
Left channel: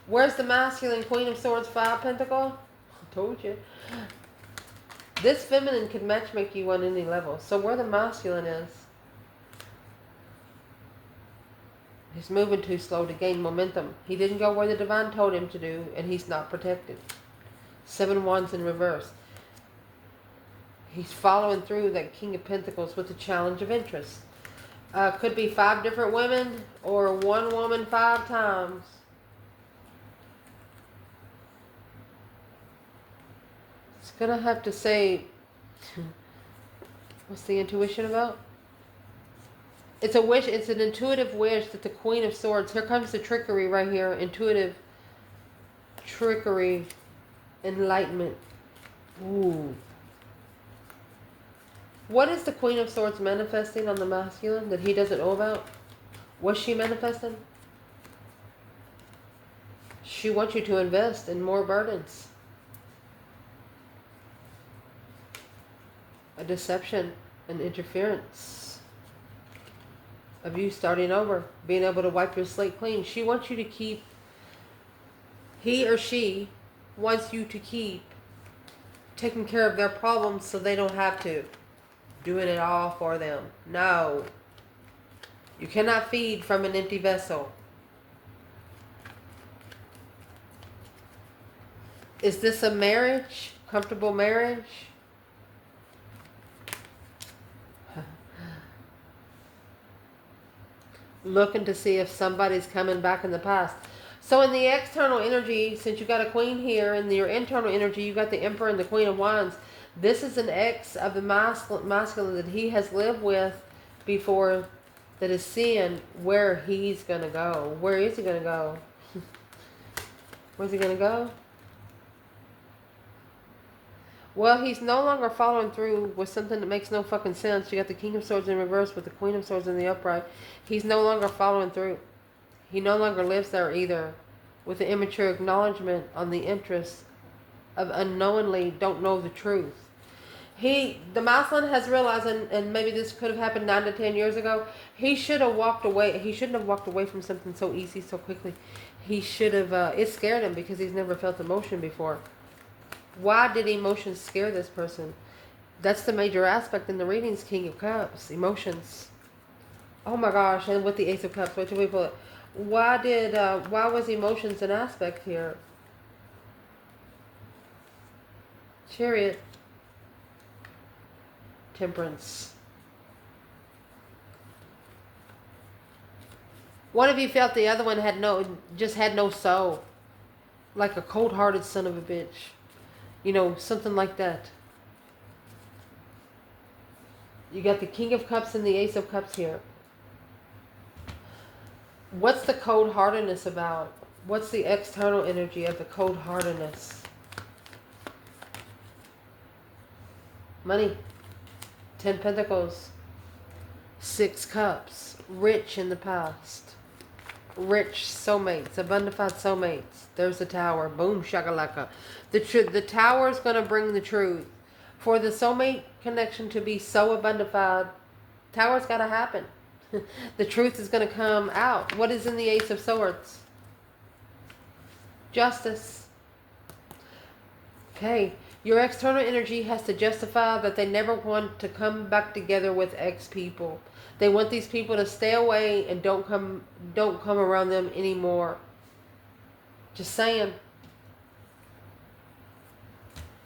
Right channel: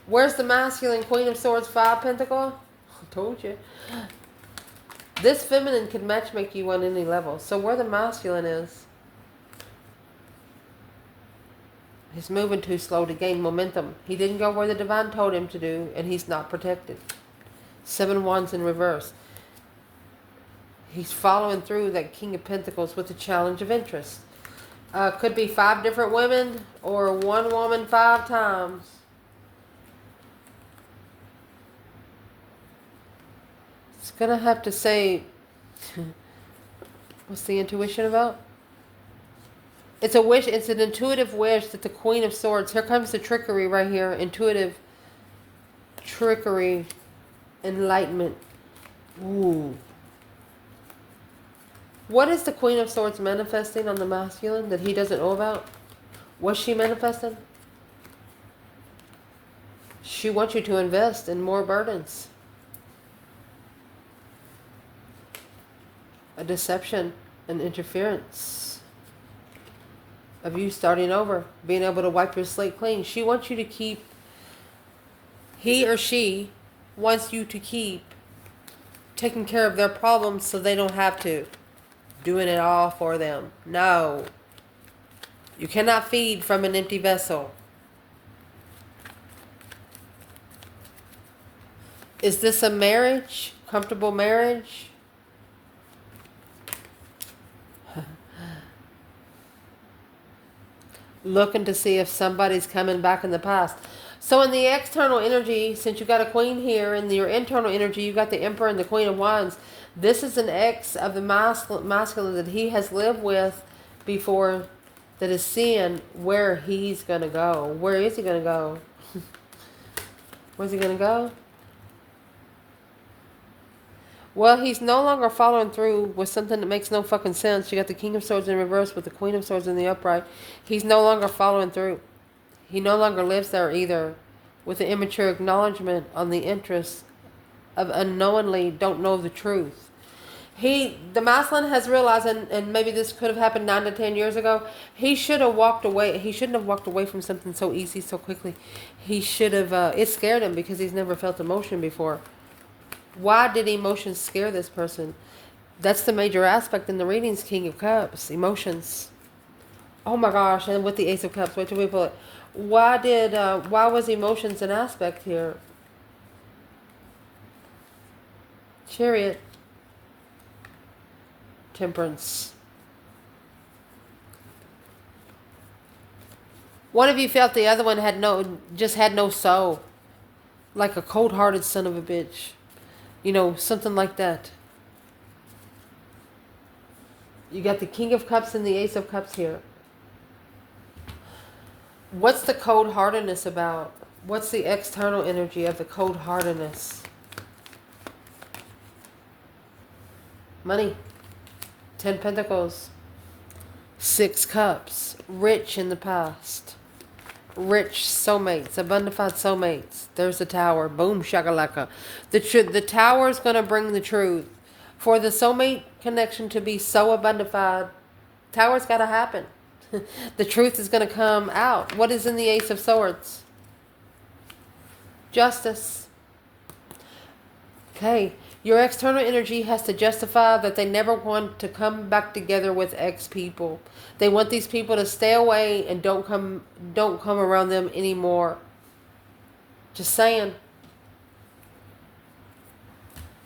Where's the masculine Queen of Swords, 5 Pentacles? I told you. This feminine could matchmake you on any level. So where the masculine is, he's moving too slow to gain momentum. He didn't go where the divine told him to do, and he's not protected. 7 wands in reverse. He's following through that King of Pentacles with the challenge of interest. Could be 5 different women or one woman 5 times. It's going to have to say, what's the intuition about? It's a wish. It's an intuitive wish that the Queen of Swords, here comes the trickery right here. Intuitive trickery, enlightenment. Ooh. What is the Queen of Swords manifesting on the masculine that he doesn't know about? What's she manifesting? She wants you to invest in more burdens. A deception, an interference of you starting over, being able to wipe your slate clean. She wants you to keep, he or she wants you to keep taking care of their problems so they don't have to. Doing it all for them. No. You cannot feed from an empty vessel. Is this a marriage? Comfortable marriage? Looking to see if somebody's coming back in the past. So in the external energy, since you got a queen here, in your internal energy, you got the Emperor and the Queen of Wands. This is an ex of the masculine that he has lived with before, that is seeing where he's going to go. Where is he going to go? Where's he going to go? Well, he's no longer following through with something that makes no fucking sense. You got the King of Swords in reverse with the Queen of Swords in the upright. He's no longer following through. He no longer lives there either, with the immature acknowledgement on the interests of unknowingly don't know the truth. The masculine has realized, and maybe this could have happened 9 to 10 years ago, he should have walked away. He shouldn't have walked away from something so easy, so quickly. He should have, it scared him because he's never felt emotion before. Why did emotions scare this person? That's the major aspect in the readings, King of Cups, emotions. Oh my gosh, and with the Ace of Cups, wait till we pull it. Why was emotions an aspect here? Chariot. Temperance. One of you felt the other one had no soul. Like a cold-hearted son of a bitch. You know, something like that. You got the King of Cups and the Ace of Cups here. What's the cold-heartedness about? What's the external energy of the cold-heartedness? Money. 10 Pentacles. 6 Cups. Rich in the past. Rich soulmates. Abundified soulmates. There's the Tower. Boom shakalaka. The Tower is going to bring the truth. For the soulmate connection to be so abundified, Tower's got to happen. The truth is going to come out. What is in the Ace of Swords? Justice. Okay. Your external energy has to justify that they never want to come back together with ex people. They want these people to stay away and don't come around them anymore. Just saying.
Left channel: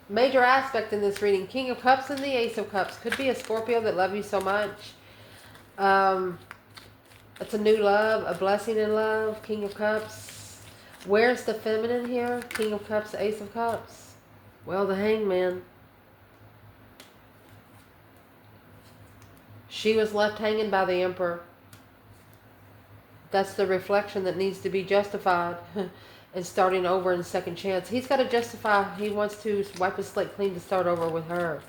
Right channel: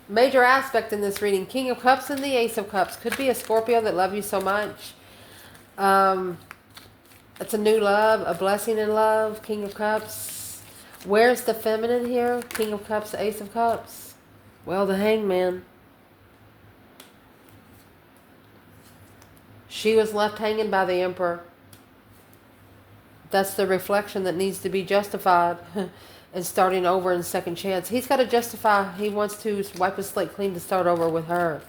Major aspect in this reading. King of Cups and the Ace of Cups. Could be a Scorpio that love you so much. It's a new love, a blessing in love. King of Cups. Where's the feminine here? King of Cups, Ace of Cups. Well, the Hangman. She was left hanging by the Emperor. That's the reflection that needs to be justified and starting over in second chance. He's got to justify. He wants to wipe his slate clean to start over with her.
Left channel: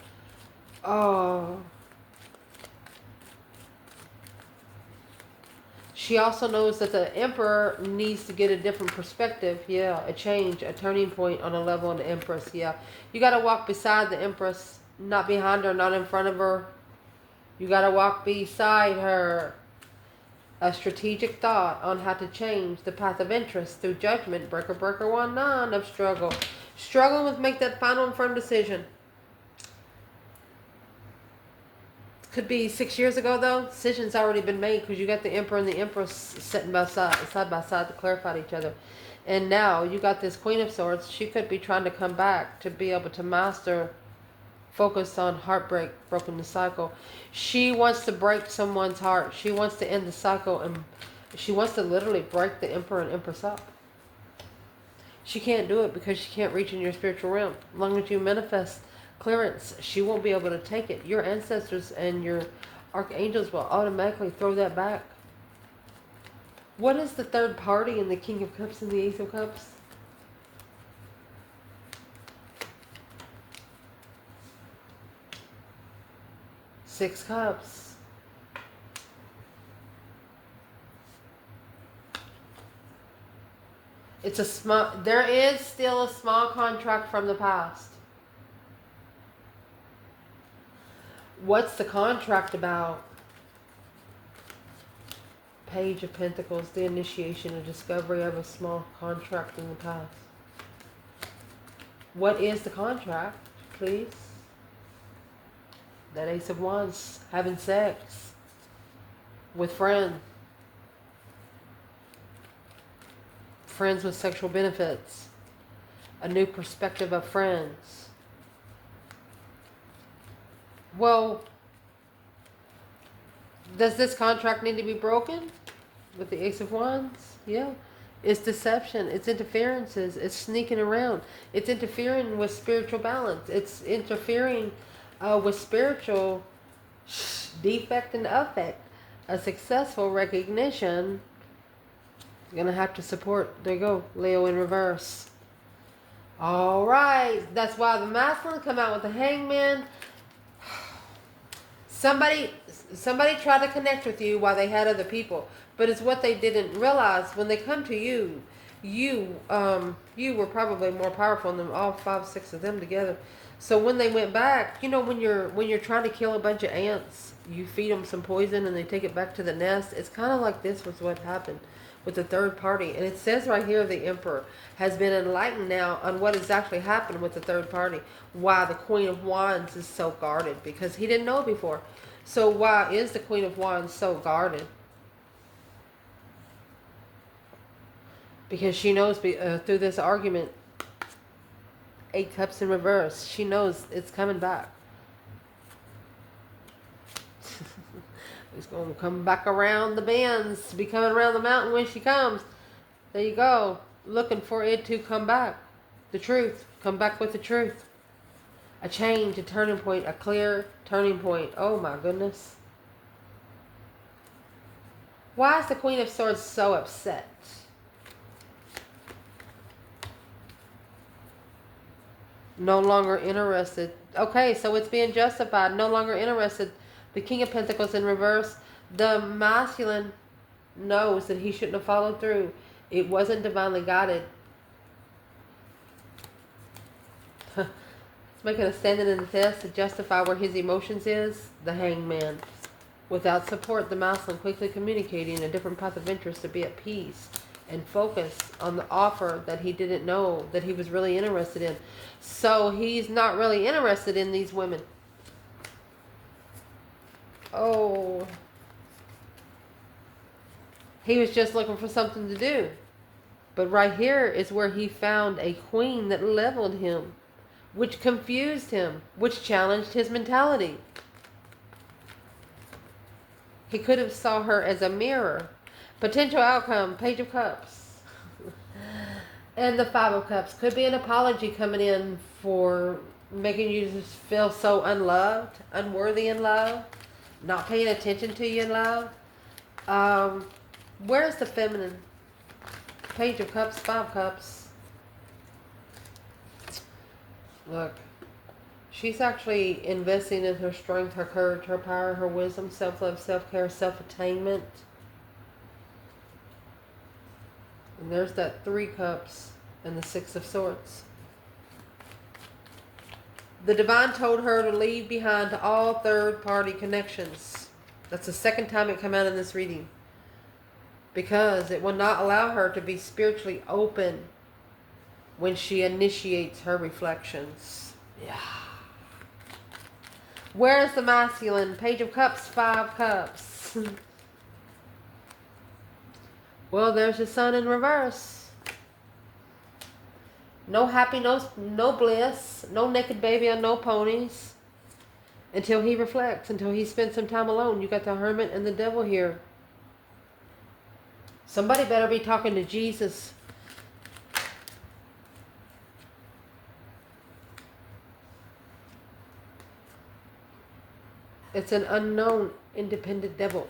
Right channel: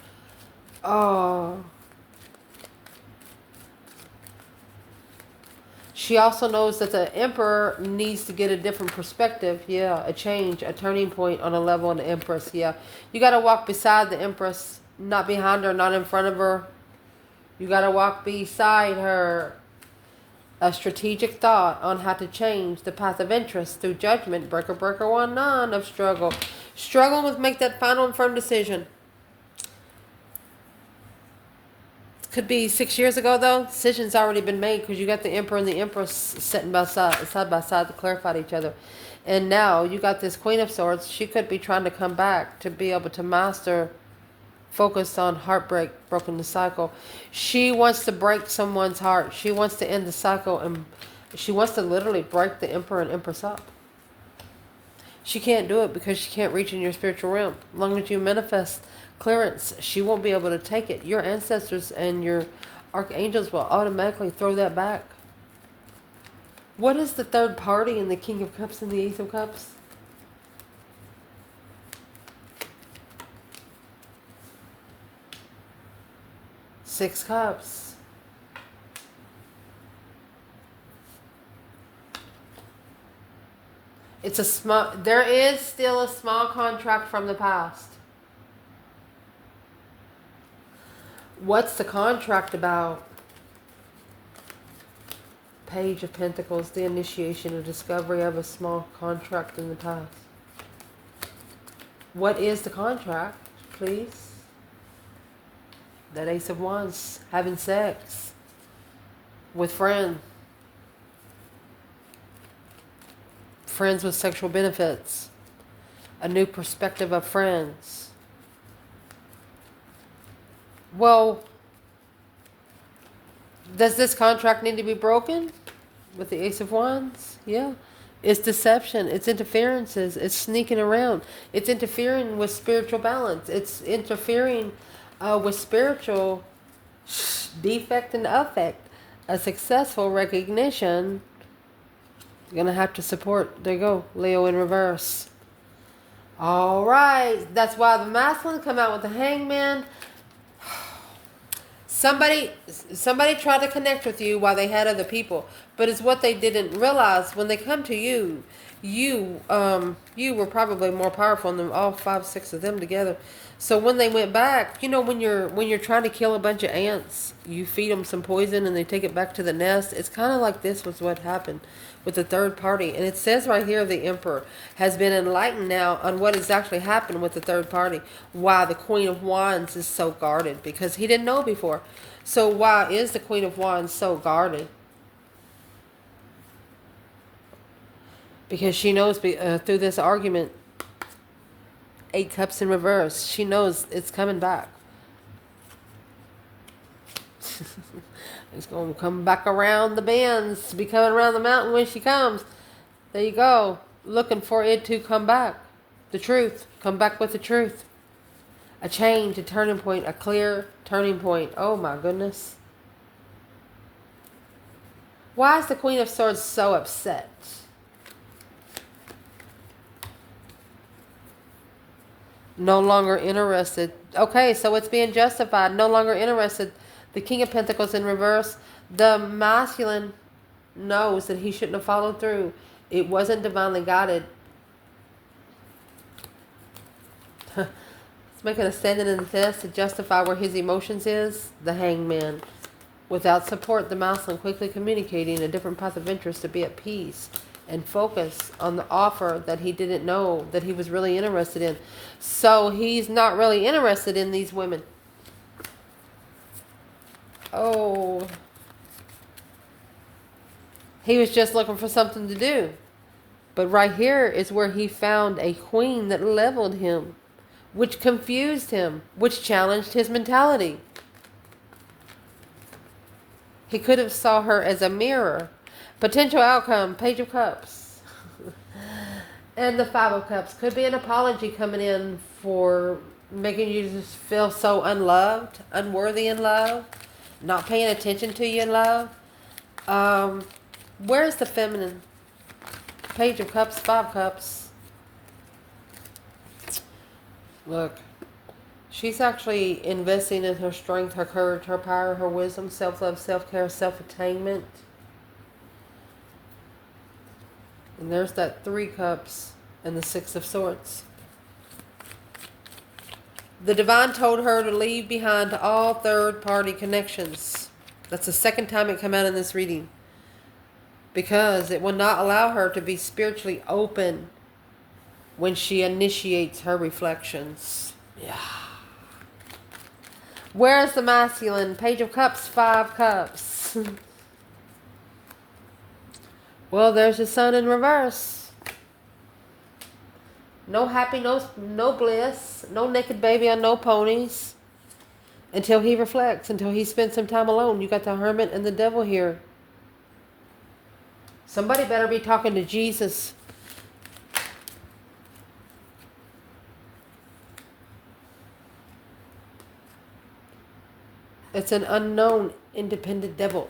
Oh. She also knows that the Emperor needs to get a different perspective. Yeah, a change, a turning point on a level in the Empress. Yeah, you got to walk beside the Empress, not behind her, not in front of her. You got to walk beside her. A strategic thought on how to change the path of interest through judgment. Breaker 1-9 of struggle. Struggle with make that final and firm decision. Could be 6 years ago, though. Decision's already been made because you got the Emperor and the Empress sitting side by side to clarify each other. And now you got this Queen of Swords. She could be trying to come back to be able to master, focus on heartbreak, broken the cycle. She wants to break someone's heart. She wants to end the cycle, and she wants to literally break the Emperor and Empress up. She can't do it because she can't reach in your spiritual realm. As long as you manifest clearance, she won't be able to take it. Your ancestors and your archangels will automatically throw that back. What is the third party in the King of Cups and the Ace of Cups? Six Cups. It's a small, there is still a small contract from the past. What's the contract about? Page of Pentacles, the initiation and discovery of a small contract in the past. What is the contract, please? That Ace of Wands, having sex with friends. Friends with sexual benefits. A new perspective of friends. Well, does this contract need to be broken? With the Ace of Wands? Yeah. It's deception. It's interferences. It's sneaking around. It's interfering with spiritual balance. It's interfering with spiritual defect and affect. A successful recognition. You're going to have to support. There you go. Leo in reverse. All right. That's why the masculine come out with the Hangman. Somebody tried to connect with you while they had other people, but it's what they didn't realize. When they come to you, you were probably more powerful than all 5, 6 of them together. So when they went back, you know, when you're trying to kill a bunch of ants, you feed them some poison and they take it back to the nest. It's kind of like this was what happened with the third party. And it says right here, the Emperor has been enlightened now on what has actually happened with the third party. Why the Queen of Wands is so guarded, because he didn't know before. So why is the Queen of Wands so guarded? Because she knows through this argument, 8 Cups in reverse, she knows it's coming back. It's going to come back around the bends, to be coming around the mountain when she comes. There you go. Looking for it to come back. The truth. Come back with the truth. A change, a turning point, a clear turning point. Oh my goodness. Why is the Queen of Swords so upset? No longer interested. Okay, so it's being justified. No longer interested. The King of Pentacles in reverse. The masculine knows that he shouldn't have followed through. It wasn't divinely guided. It's making a standing in the test to justify where his emotions is. The Hangman. Without support, the masculine quickly communicating a different path of interest to be at peace and focus on the offer that he didn't know that he was really interested in. So he's not really interested in these women. Oh. He was just looking for something to do. But right here is where he found a queen that leveled him, which confused him, which challenged his mentality. He could have saw her as a mirror. Potential outcome, Page of Cups. And the 5 of Cups. Could be an apology coming in for making you just feel so unloved, unworthy in love, not paying attention to you in love. Where's the feminine? Page of Cups, 5 Cups. Look. She's actually investing in her strength, her courage, her power, her wisdom, self-love, self-care, self-attainment. And there's that 3 Cups and the 6 of Swords. The divine told her to leave behind all third-party connections. That's the second time it came out in this reading. Because it will not allow her to be spiritually open when she initiates her reflections. Yeah. Where is the masculine? Page of Cups, 5 Cups. Well, there's the sun in reverse. No happy, no bliss, no naked baby on no ponies. Until he reflects, until he spends some time alone. You got the hermit and the devil here. Somebody better be talking to Jesus. It's an unknown, independent devil.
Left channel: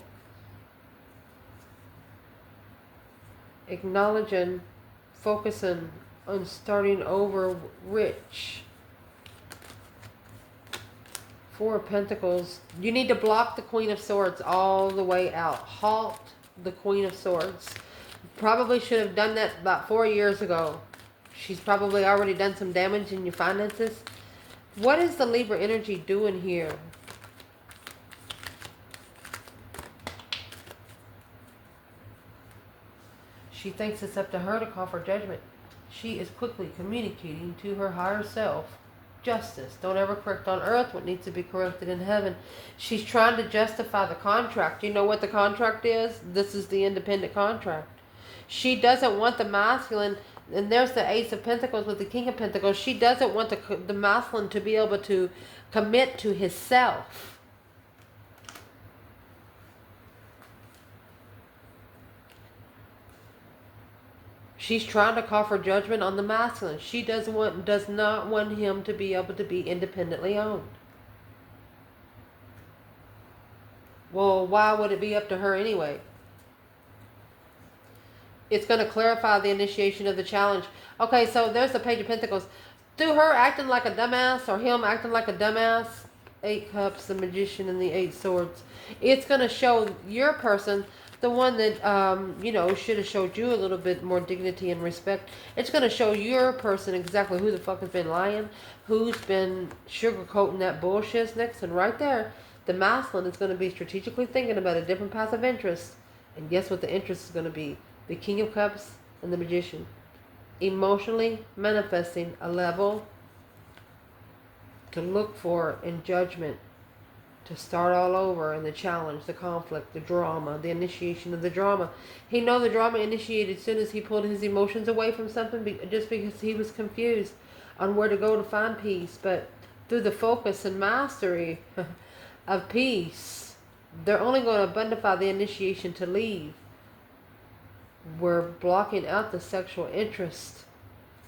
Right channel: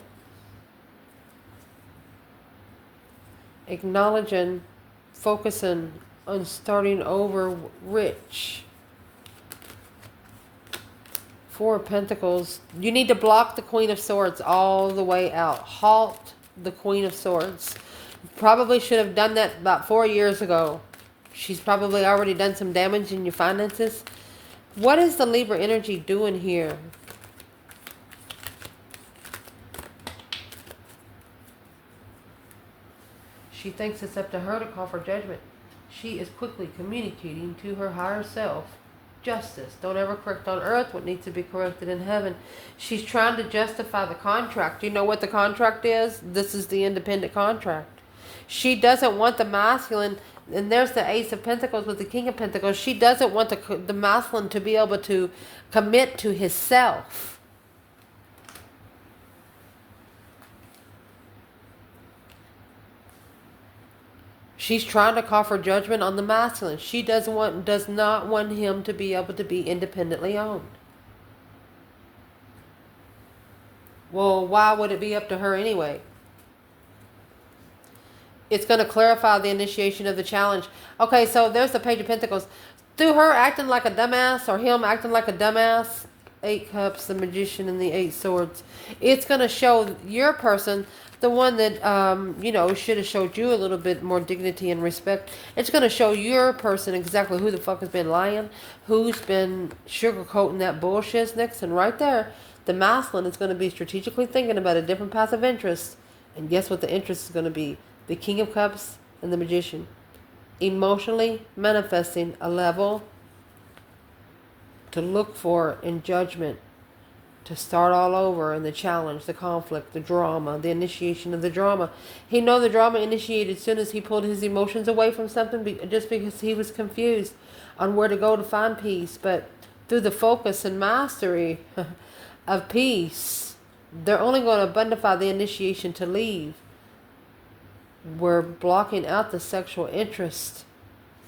Acknowledging, focusing on starting over rich. 4 of Pentacles. You need to block the Queen of Swords all the way out. Halt the Queen of Swords. Probably should have done that about 4 years ago. She's probably already done some damage in your finances. What is the Libra energy doing here? She thinks it's up to her to call for judgment. She is quickly communicating to her higher self. Justice. Don't ever correct on earth what needs to be corrected in heaven. She's trying to justify the contract. You know what the contract is? This is the independent contract. She doesn't want the masculine, and there's the Ace of Pentacles with the King of Pentacles. She doesn't want the masculine to be able to commit to his self. She's trying to call for judgment on the masculine. She does not want him to be able to be independently owned. Well, why would it be up to her anyway? It's going to clarify the initiation of the challenge. Okay, so there's the Page of Pentacles. Through her acting like a dumbass or him acting like a dumbass, 8 Cups, the Magician, and the 8 Swords. It's going to show your person, the one that, should have showed you a little bit more dignity and respect. It's going to show your person exactly who the fuck has been lying, who's been sugarcoating that bullshit next. And right there, the masculine is going to be strategically thinking about a different path of interest. And guess what the interest is going to be? The King of Cups and the Magician. Emotionally manifesting a level to look for in judgment. To start all over in the challenge, the conflict, the drama, the initiation of the drama. He know the drama initiated as soon as he pulled his emotions away from something just because he was confused on where to go to find peace. But through the focus and mastery of peace, they're only going to abundify the initiation to leave. We're blocking out the sexual interest.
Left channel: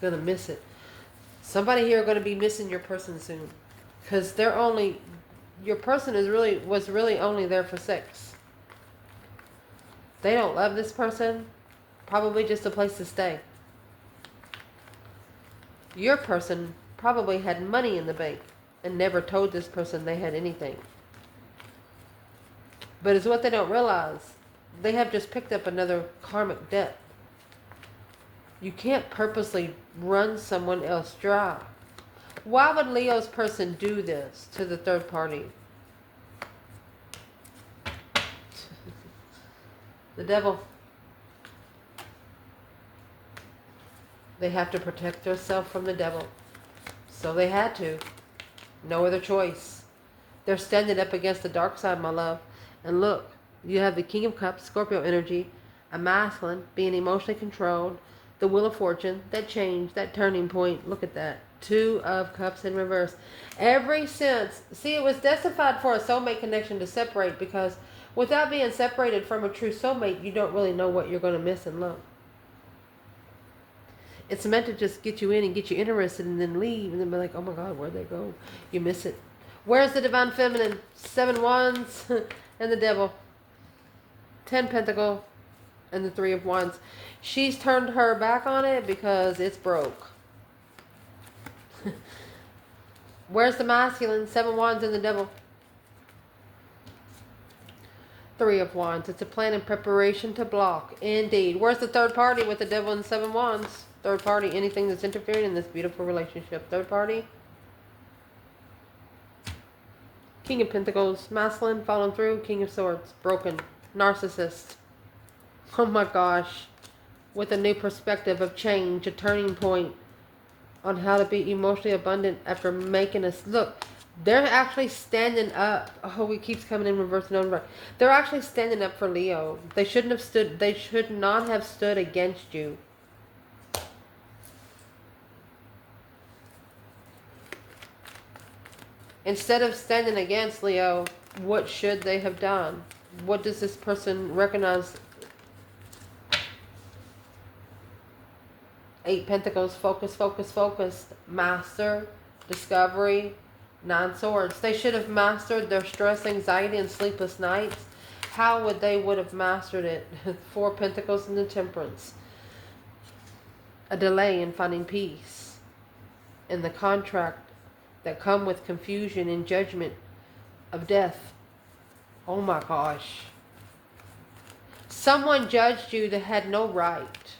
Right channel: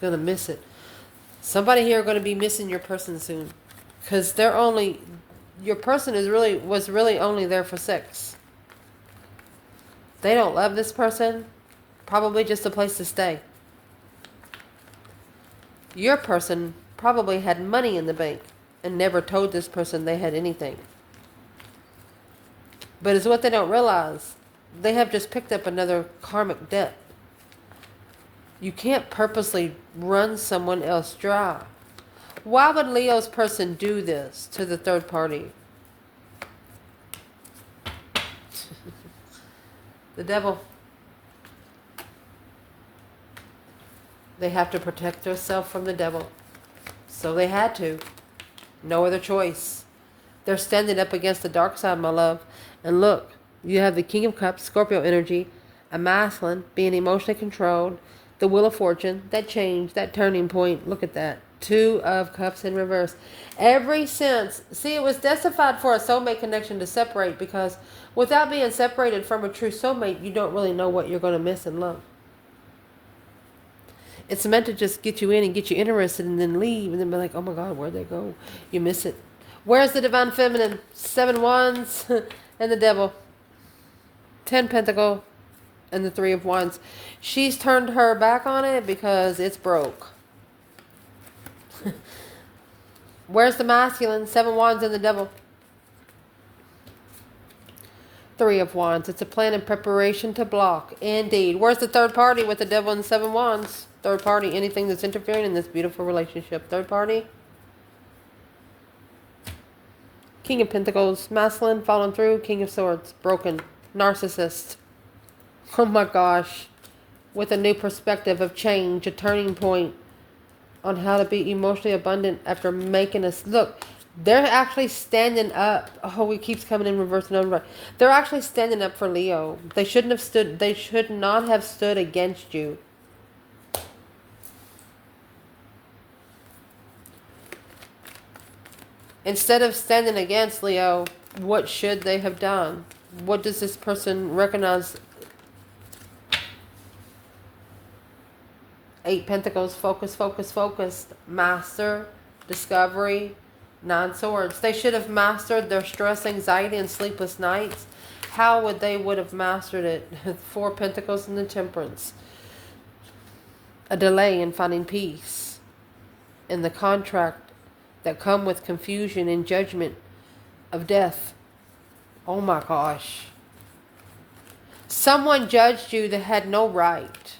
Going to miss it. Somebody here are going to be missing your person soon. Because they're only... Your person was really only there for sex. They don't love this person. Probably just a place to stay. Your person probably had money in the bank and never told this person they had anything. But it's what they don't realize. They have just picked up another karmic debt. You can't purposely run someone else dry. Why would Leo's person do this to the third party? The devil. They have to protect themselves from the devil. So they had to. No other choice. They're standing up against the dark side, my love. And look, you have the King of Cups, Scorpio energy, a masculine, being emotionally controlled, the Wheel of Fortune, that change, that turning point. Look at that. 2 of Cups in reverse. Every sense. See, it was destined for a soulmate connection to separate, because without being separated from a true soulmate, you don't really know what you're going to miss in love. It's meant to just get you in and get you interested and then leave and then be like, oh my God, where'd they go? You miss it. Where's the Divine Feminine? 7 Wands and the Devil. 10 Pentacle and the 3 of Wands. She's turned her back on it because it's broke. Where's the masculine? 7 Wands and the Devil. 3 of Wands. It's a plan and preparation to block. Indeed. Where's the third party with the Devil and 7 Wands? Third party, anything that's interfering in this beautiful relationship. Third party. King of Pentacles. Masculine, fallen through. King of Swords. Broken. Narcissist. Oh my gosh. With a new perspective of change. A turning point on how to be emotionally abundant after making us... Look, They're actually standing up. Oh, it keeps coming in reverse and over. They're actually standing up for Leo. They shouldn't have stood. They should not have stood against you. Instead of standing against Leo, what should they have done? What does this person recognize? 8 Pentacles, focus, focus, focus. Master, discovery, 9 Swords. They should have mastered their stress, anxiety, and sleepless nights. How would they would have mastered it? 4 Pentacles and the Temperance. A delay in finding peace. In the contract that come with confusion and judgment of death. Oh my gosh. Someone judged you that had no right.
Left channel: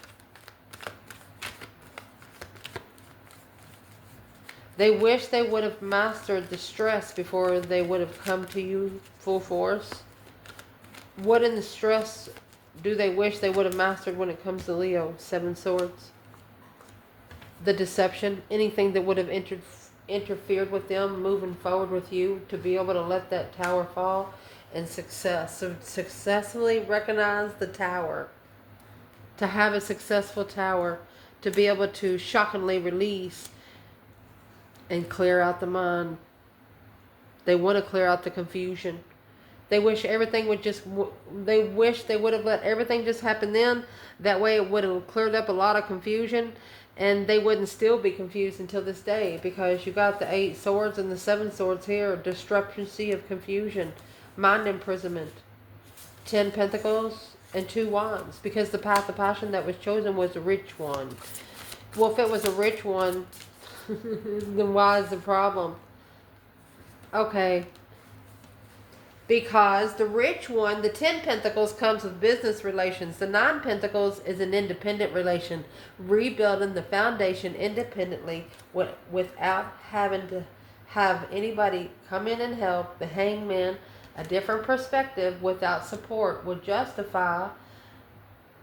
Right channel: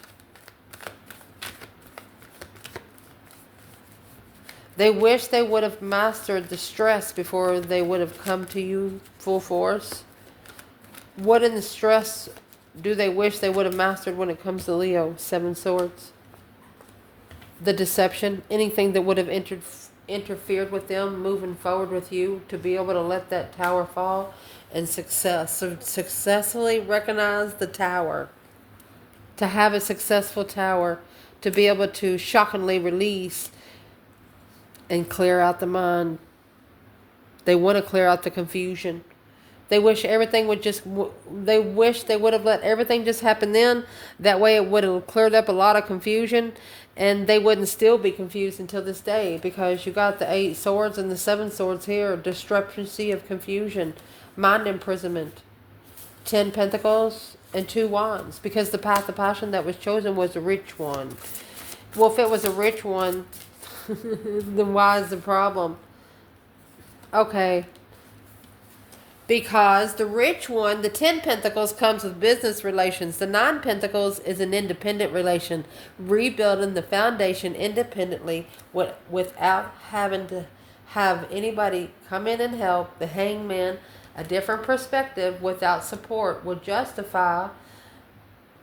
They wish they would have mastered the stress before they would have come to you full force. What in the stress do they wish they would have mastered when it comes to Leo? 7 Swords. The deception, anything that would have interfered with them moving forward with you, to be able to let that tower fall. And success. So successfully recognize the tower. To have a successful tower. To be able to shockingly release and clear out the mind. They want to clear out the confusion. They wish everything would just, they wish they would have let everything just happen then. That way it would have cleared up a lot of confusion. And they wouldn't still be confused until this day. Because you got the 8 Swords and the 7 Swords here. Discrepancy of confusion. Mind imprisonment. 10 Pentacles and 2 Wands. Because the path of passion that was chosen was a rich one. Well, if it was a rich one, then why is the problem? Okay. Because the rich one, the 10 Pentacles, comes with business relations. The 9 Pentacles is an independent relation. Rebuilding the foundation independently without having to have anybody come in and help. The Hangman, a different perspective without support, will justify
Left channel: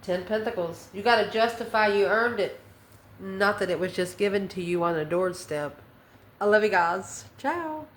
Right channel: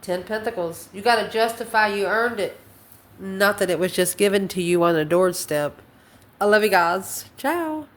10 Pentacles. You got to justify you earned it. Not that it was just given to you on a doorstep. I love you guys. Ciao.